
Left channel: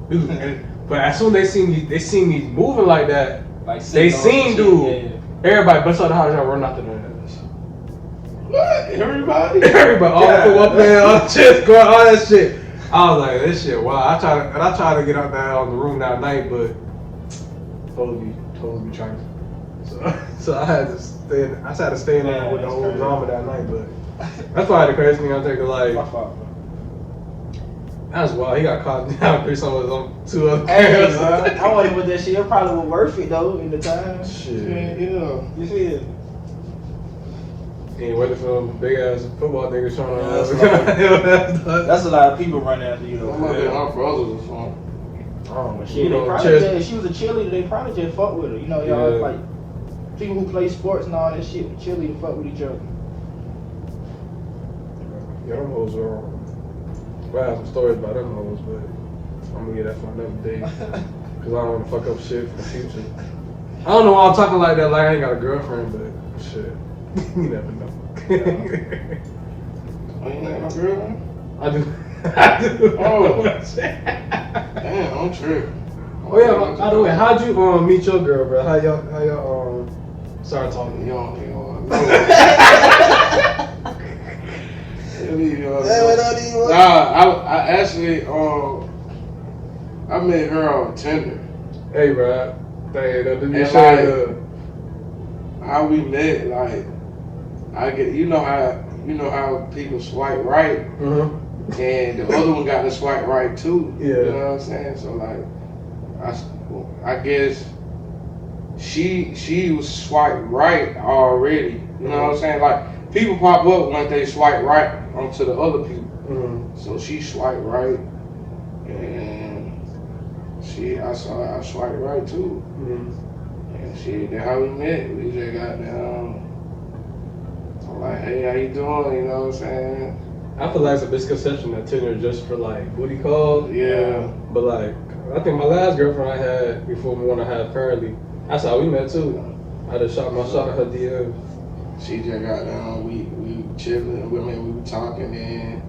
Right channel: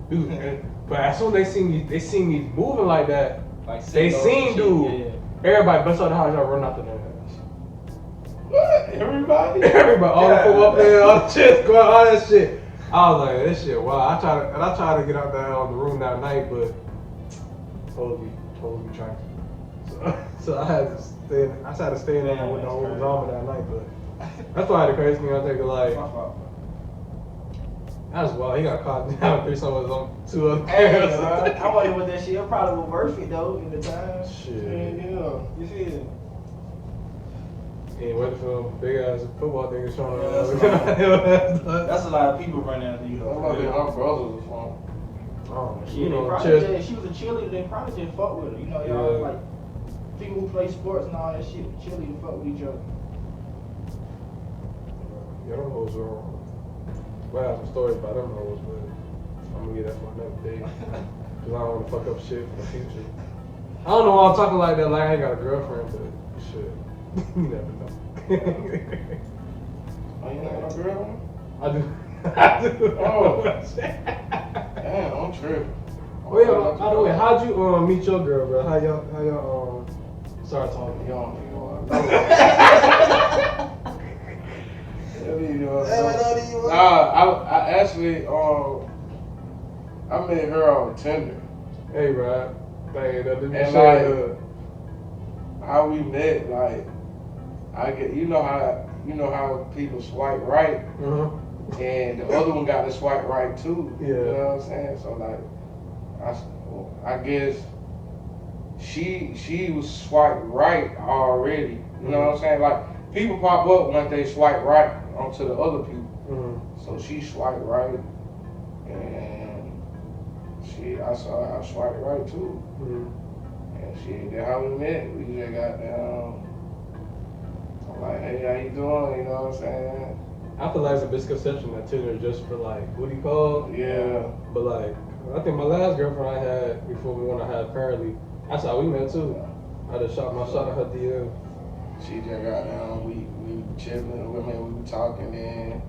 dude. But as soon as they seen me moving like that, Like they seen dude. Yeah. Everybody bust out the house and run out the door. What? Everybody? All the football players, all the cheer squad, all that shit. I was like, this shit, wow. I tried to get out there on the room that night, but totally trying. So I had to stay in there with the whole drama that night. But that's probably the craziest thing I think of. Like, that's wild. He got caught down for some of them 2 other girls. I wasn't with that shit. It probably was worth it though in the time. Shit. Yeah. You feel? He ain't waiting for them big ass football niggas trying to. That's a lot of people running after you though. I'm not my brothers or something. Oh, Shit, they probably she was a cheerleader. They probably just fuck with her. You know, y'all Yeah. like people who play sports and all that shit. Cheerleader fuck with each other. Yeah, them hoes are. I have some stories about them hoes, but I'm gonna get that for another day. Cause I don't want to fuck up shit for the future. I don't know why I'm talking like that. Like I ain't got a girlfriend, but shit, you never know. Oh, you ain't got no girl? I do. Oh. Damn, I'm tripping. Oh yeah, by the way, how'd you meet your girl, bro? How y'all start talking? You don't know. Nah, I actually I met her on Tinder. Hey, bro. Hey, that didn't And show how we met, like I get you know how people swipe right and the other one got to swipe right too. Yeah. You know what I'm saying? So like I guess she was swipe right already. You know what I'm saying? Like people pop up when they swipe right onto the other people. So she swiped right, and I swiped right too. And that's how we met. We just got down. I'm like, hey, how you doing? You know what I'm saying? I feel like it's a misconception that Tinder is just for like booty calls. Yeah. But like, I think my last girlfriend I had before the one I have currently, that's how we met too. I just shot my shot at her DM. She just got down. We chilling. We were talking, and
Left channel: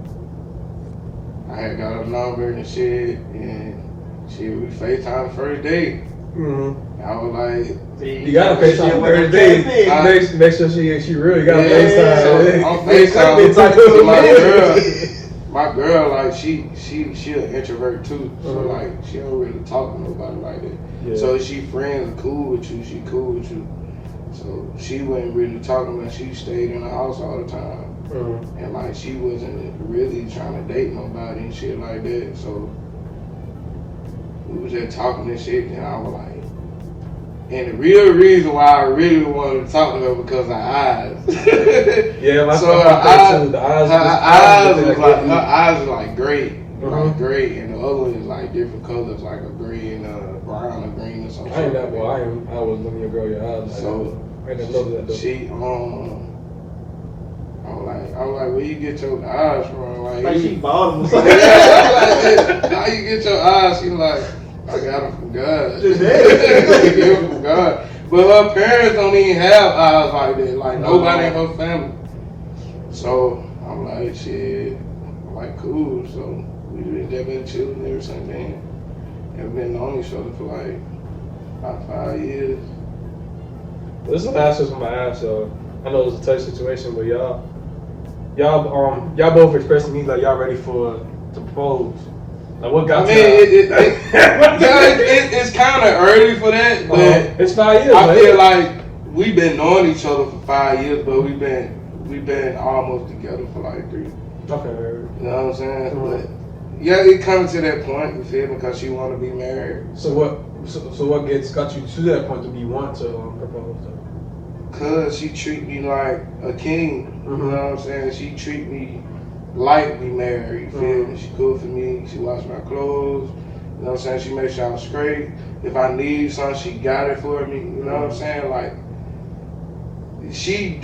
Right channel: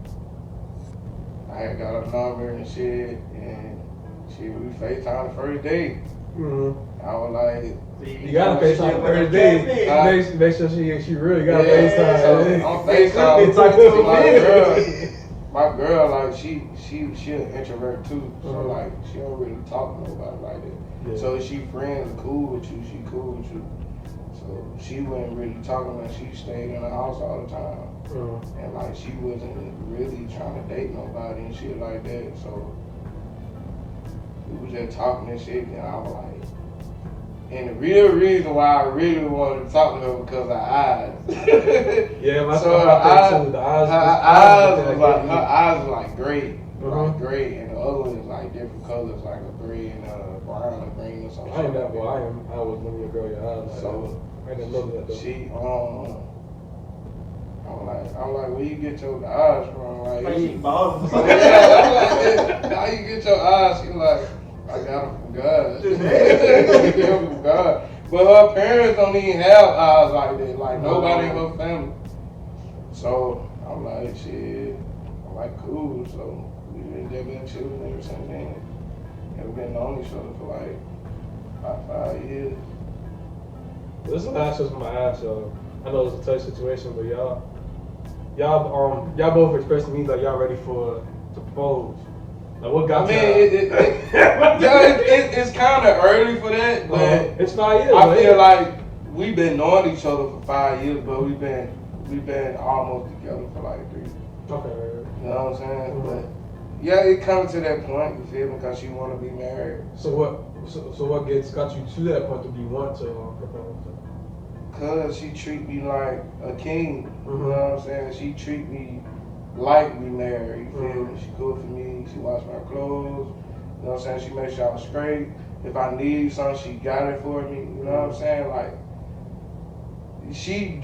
I had got her number and shit, and we FaceTime the first day. I was like, you gotta FaceTime the first day. Make sure she really got FaceTime. So I'm FaceTime to my girl. My girl, like she an introvert too, so like she don't really talk to nobody like that. Yeah. So she friends cool with you, she cool with you. So she wasn't really talking to her. She stayed in the house all the time. And like she wasn't really trying to date nobody and shit like that. So we was just talking and shit, and I was like, and the real reason why I really wanted to talk to her because her eyes. Yeah, so her eyes was like gray, like gray, and the other one is like different colors, like a gray and a brown or green or something. I ain't that boy. I was looking at girl your eyes. So I ain't never loved that though. she I'm like, where you get your eyes from? Like she bought them. Yeah, I'm like, how you get your eyes? She like, I got them from God. Get them from God. But her parents don't even have eyes like that. Like nobody in her family. So I'm like, shit. I'm like cool. So we just been chilling ever since then. And been on each other for like about 5 years. This is the last question I'm gonna ask y'all. I know it's a tough situation, but y'all both expressing to me like y'all ready to propose. Like what got it's kind of early for that, but it's 5 years. I feel like we've been knowing each other for 5 years, but we've been almost together for like 3. Okay. You know what I'm saying? Mm-hmm. But yeah, it comes to that point. You feel me? Because she want to be married. So what got you to that point to be want to propose? Cause she treat me like a king. Mm-hmm. You know what I'm saying? She treat me like we married. You feel me? She cook for me. She wash my clothes. You know what I'm saying? She make sure I'm straight. If I need something, she got it for me. You know what I'm saying? Like she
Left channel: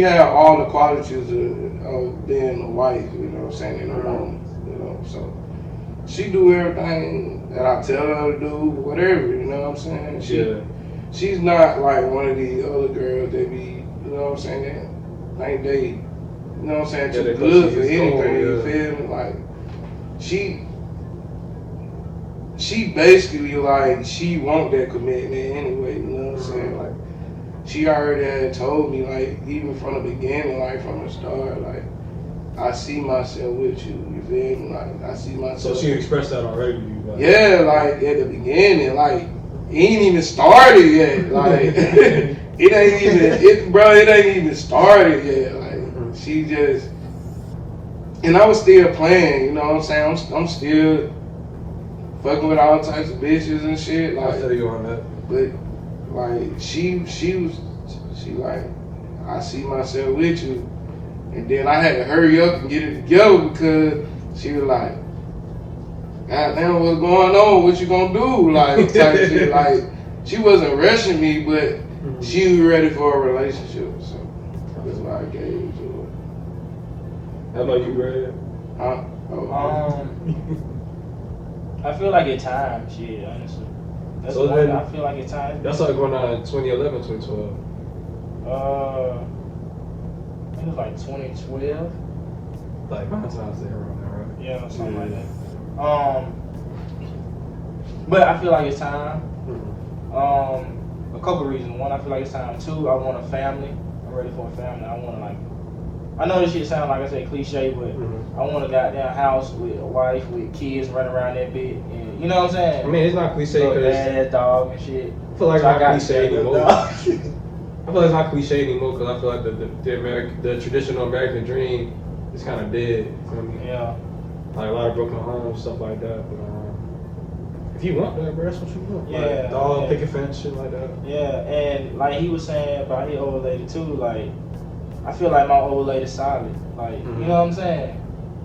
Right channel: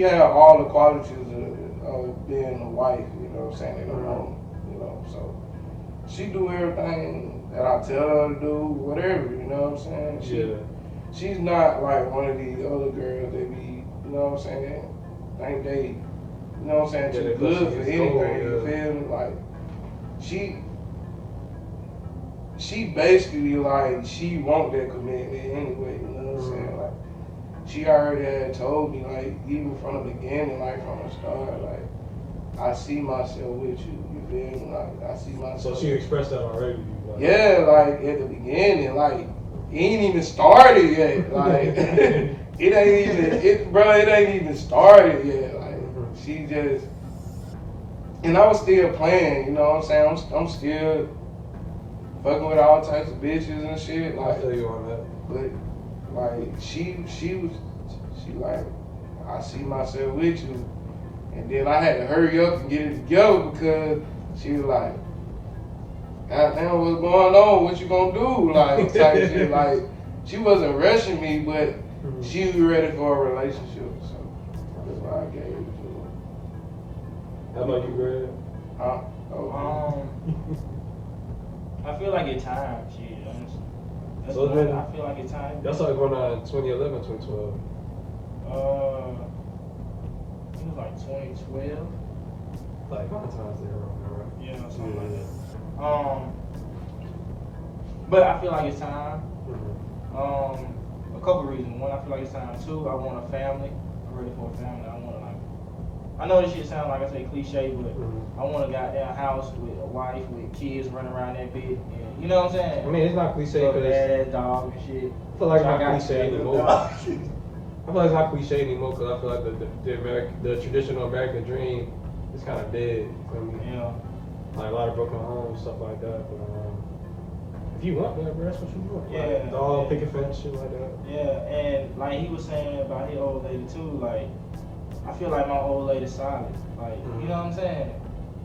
had all the qualities of being a wife. You know what I'm saying? And a woman. You know, so she do everything that I tell her to do. Whatever. You know what I'm saying? She's not like one of these other girls that be, you know what I'm saying, like they, you know what I'm saying, too good for anything, you feel me? Like, she basically like, she want that commitment anyway, you know what I'm saying? Like, she already had told me, like, even from the beginning, like from the start, like, I see myself with you, you feel me? Like, I see myself. So she expressed that already to you? Like. Yeah, like, at the beginning, like, it ain't even started yet. Like it ain't even started yet. Like she just, and I was still playing. You know what I'm saying? I'm still fucking with all types of bitches and shit. Like, I feel you on that. But like she like, I see myself with you, and then I had to hurry up and get it together because she was like, God damn, what's going on? What you gonna do? Like, type of shit. Like, she wasn't rushing me, but she was ready for a relationship. So that's why I gave it to her. How about you, Greg? Huh? Oh. I feel like it's time, shit, honestly. That's So what then, I feel like it's time. Y'all started going on in 2011, 2012. I think it was like 2012. Like Valentine's Day around there, right? Yeah, something like that. But I feel like it's time. A couple reasons. One, I feel like it's time. Two, I want a family. I'm ready for a family. I want to like. I know this shit sound like I say cliche, but I want a goddamn house with a wife with kids running around that bit, and you know what I'm saying. I mean, it's not cliche because dad, dog, and shit. I feel like so it's not cliche anymore. I feel like it's not cliche anymore because I feel like the traditional American dream is kind of dead. You feel me? Yeah. Like a lot of broken homes, stuff like that. But, if you want that, bro, that's what you want. Yeah. Like, dog, picket fence, shit like that. Yeah, and like he was saying about his old lady too, like I feel like my old lady's solid. Like, you know what I'm saying?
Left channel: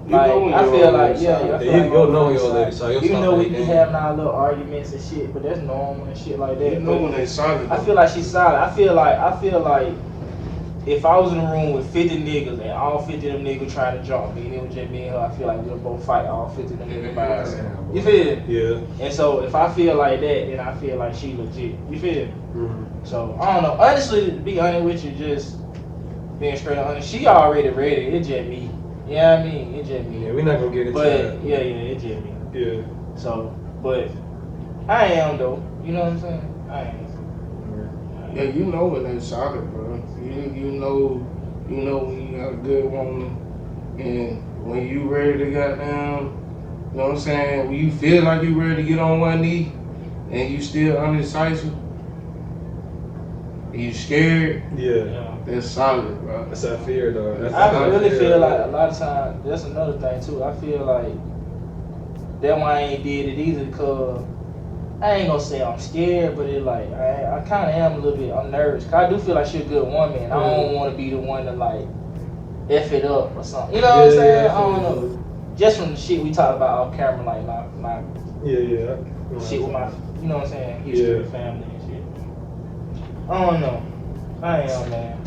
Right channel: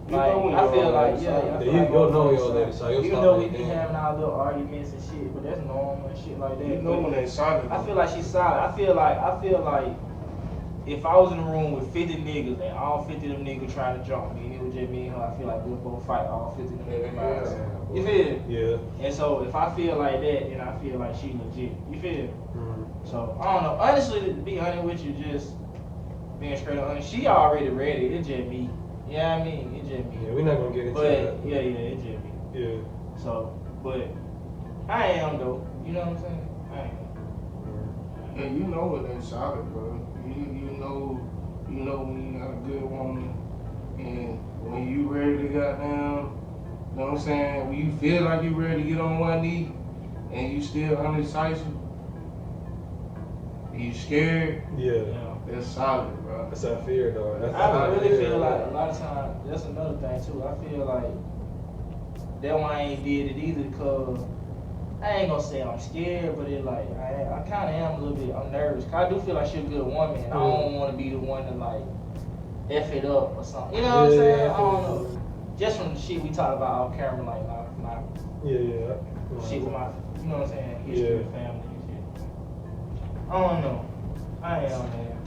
Like, I feel like, yeah, you go know your old lady, so even though we be having our little arguments and shit, but that's normal and shit like that. You know when they solid. I feel like she's solid. I feel like if I was in a room with 50 niggas and all 50 of them niggas trying to jump me and it was just me and her, I feel like we'll both fight all 50 of them niggas by ourselves. You feel me? Yeah. And so if I feel like that, then I feel like she legit. You feel me? Mm-hmm. So I don't know. Honestly, to be honest with you, just being straight up honest, she already ready. It's just me. You know what I mean? It's just me. Yeah, we're not gonna get into that. But yeah, it's just me. Yeah. So, but I am though. You know what I'm saying? I am. Yeah, you know when they solid, bro. You know when you got a good woman, and when you ready to goddamn, you know what I'm saying? When you feel like you ready to get on one knee, and you still undecisive, and you scared. Yeah. That's solid, bro. That's that fear, though. That's I really feel like a lot of times, that's another thing too. I feel like that's why I ain't did it either, cause I ain't gonna say I'm scared, but it like I kind of am a little bit. I'm nervous, cause I do feel like she's a good woman. I don't want to be the one to like f it up or something. You know what I'm saying? I don't know. Just from the shit we talk about off camera, like my yeah. shit with my, you know what I'm saying, history of family and shit. I don't know. I am, man.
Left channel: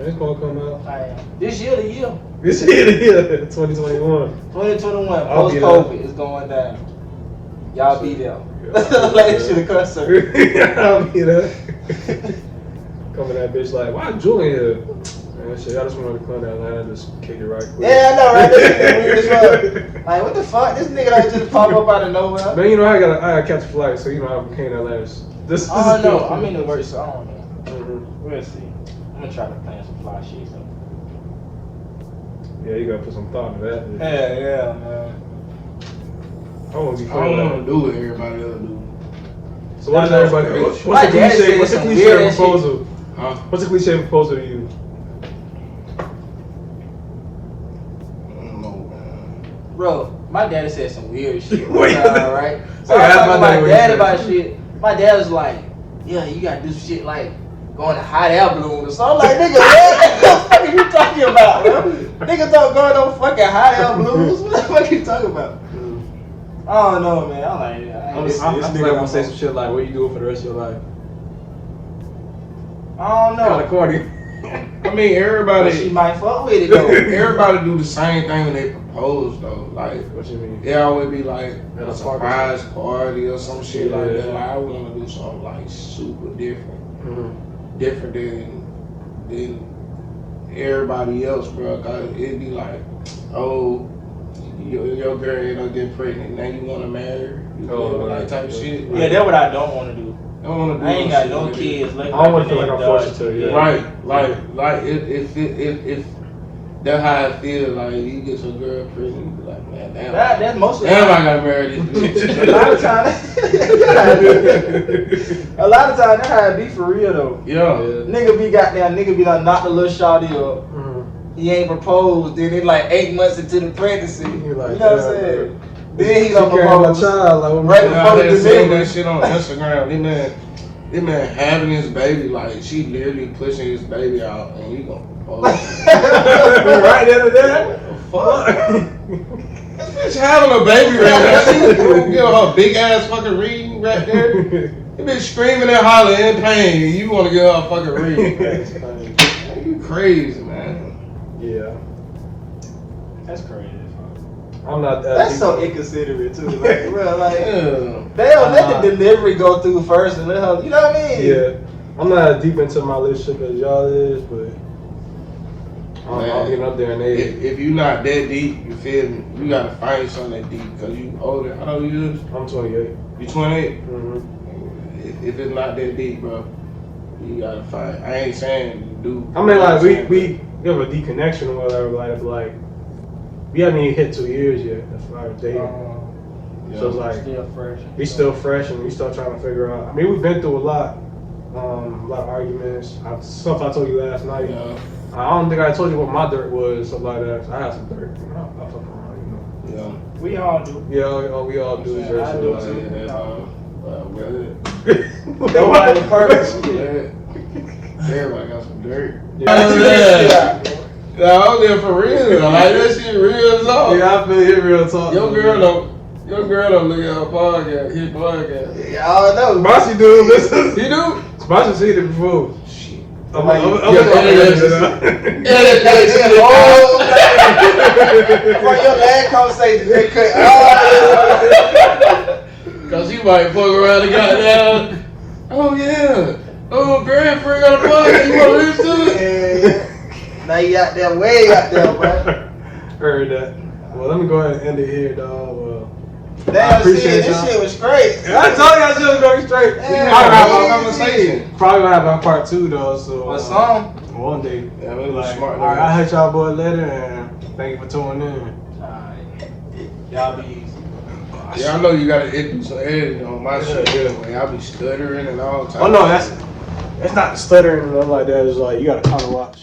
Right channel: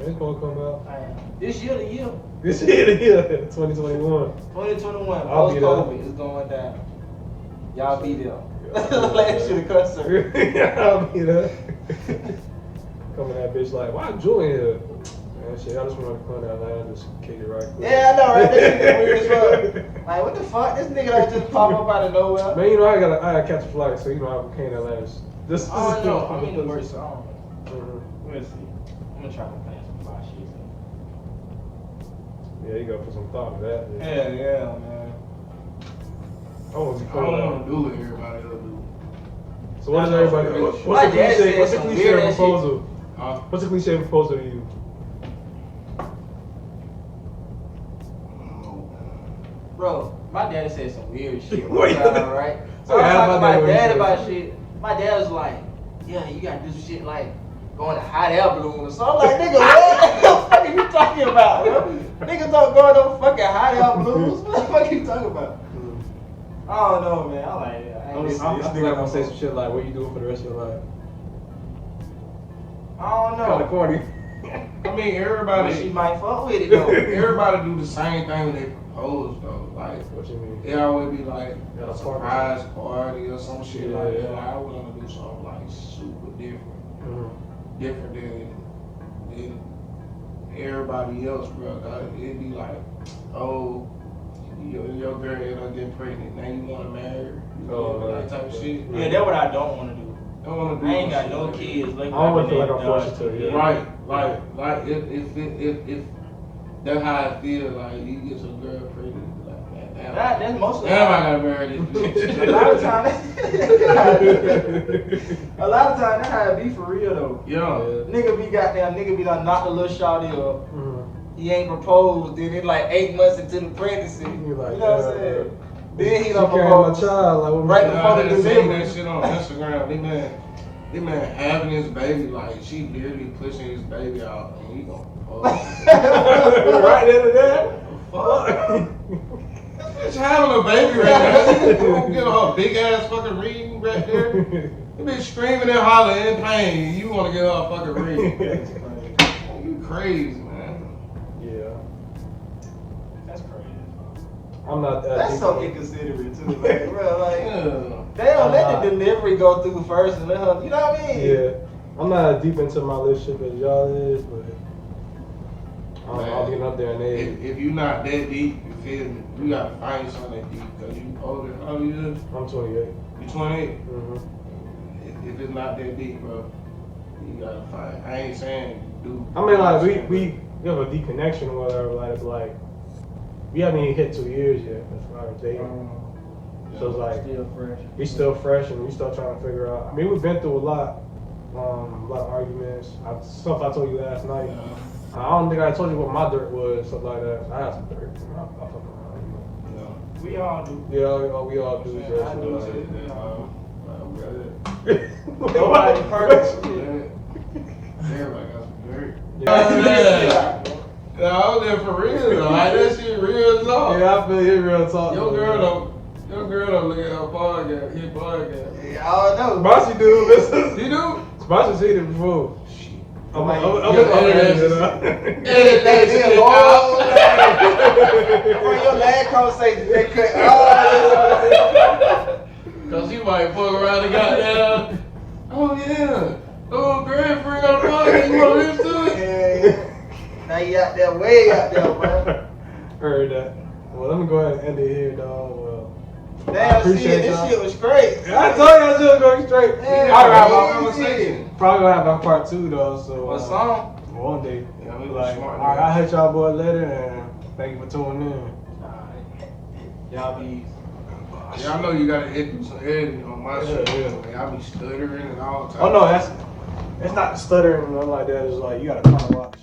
It's gonna come out. I am. This year, the year. This year, 2021. 2021, post COVID is going down. Y'all be there. Like that shit a concert. I'll be there. Coming that bitch like, why Julian here? That shit, I just wanted to come down and just kick it right quick. Yeah, I know, right? This nigga weird as fuck. Like, what the fuck? This nigga like just pop up out of nowhere. Man, you know, I gotta catch a flight, so you know, I came that last. This I don't know. I'm in the work, so I don't know. We'll see. I'm gonna try to plan some fly shit. So. Yeah, you gotta put some thought into that. Yeah, man. I don't want to do what everybody else do. So what's everybody? My dad said What's the some cliche weird proposal? Huh? What's the cliche proposal to you? I don't know, man. Bro, my daddy said some weird shit. Wait. Right? So I was talking to my dad about shit. My dad was like, yeah, you gotta do some shit like going to hot air balloon or something. I'm like, nigga, what the fuck are you talking about, bro? Nigga talking going on fucking hot air balloons? What the fuck are you talking about? I don't know, man. I'm like, This nigga gonna say some shit like, what you doing for the rest of your life? I don't know. Kinda corny. I mean, everybody. She might fuck with it though. Everybody do the same thing when they propose though. Like, What you mean? it always be like Yeah, a surprise party or some shit like Yeah. that. Like, I want to do something like super different, Mm-hmm. different than everybody else, bro. Cause it'd be like, oh, your girl end up getting pregnant, now you want to marry her, you know, like type of shit. Yeah, that's what I don't want to do. I don't want to do I ain't got shit no like that. kids. Like, I don't want to feel like I'm forced to. Yeah. Right, like if that's how I feel. Like you get some girl pregnant, you be like, man, damn, That's mostly. damn, I gotta marry this bitch. A lot of times, that's how it be for real though. Yeah. Nigga be done knocked the little shawty up. Mm-hmm. He ain't proposed. Then it like 8 months into the pregnancy. He like, you know what I'm yeah, saying? Then he done She carrying my proposed. child, like, Right I before the had seen delivery. that shit on Instagram. This man having his baby, like she literally pushing his baby out, and you gonna propose. right there, there. Fuck. She's having a baby right now. She gonna give her big ass fucking ring right there. You been screaming and hollering in pain. You want to give her a fucking ring? That's funny. You crazy, man. Yeah, That's crazy. I'm not that. That's deep. so inconsiderate too. Like, bro, like Yeah. they don't let the delivery go through first and let her. You know what I mean? Yeah, I'm not as deep into my relationship as y'all is, but I'm getting up there in age. If you not that deep, you feel me? You gotta find something that deep because you older. How old you? I'm 28. You 28? Mm-hmm. If it's not that deep, bro, you gotta find. I ain't saying do. I mean, like we have a deep connection or whatever. Like we haven't even hit 2 years yet as far as dating. So it's like Still fresh. we still fresh and we still trying to figure out. I mean, we've been through a lot of arguments. Stuff I told you last night. I don't think I told you what my dirt was, something like that. I had some dirt. I fucking around, We all do. you know. Yeah, we all do. I do too. That was the purpose. Everybody got some dirt. Yeah. Yeah, I'm there for real. Like that shit real as all. Yeah, I feel it real talk. Your girl don't look at her podcast, his podcast. Yeah, I don't know. Sponsor do listen. He do? Sponsor seen it before. Shit. I'm Yeah, From your last conversation, they cut Cause you might fuck around and got down. Oh yeah. Oh, girlfriend got a podcast. You wanna listen to it? Yeah. Now you out there, way out there, bro. Heard that. Well, let me go ahead and end it here, dog. Well, I Damn, appreciate this y'all. shit was great. I told y'all shit was going straight. Yeah. We Talk gonna about have our conversation. Probably gonna have our part 2 though. So What song? one day. Yeah, we was Like, smart. all right, I'll hit y'all boy later, and thank you for tuning in. Alright. Y'all be easy. Yeah, I know you gotta do some editing on my shit Yeah. anyway. I be stuttering and all types. Oh no, that's not stuttering and nothing like that. It's like you gotta kind of watch.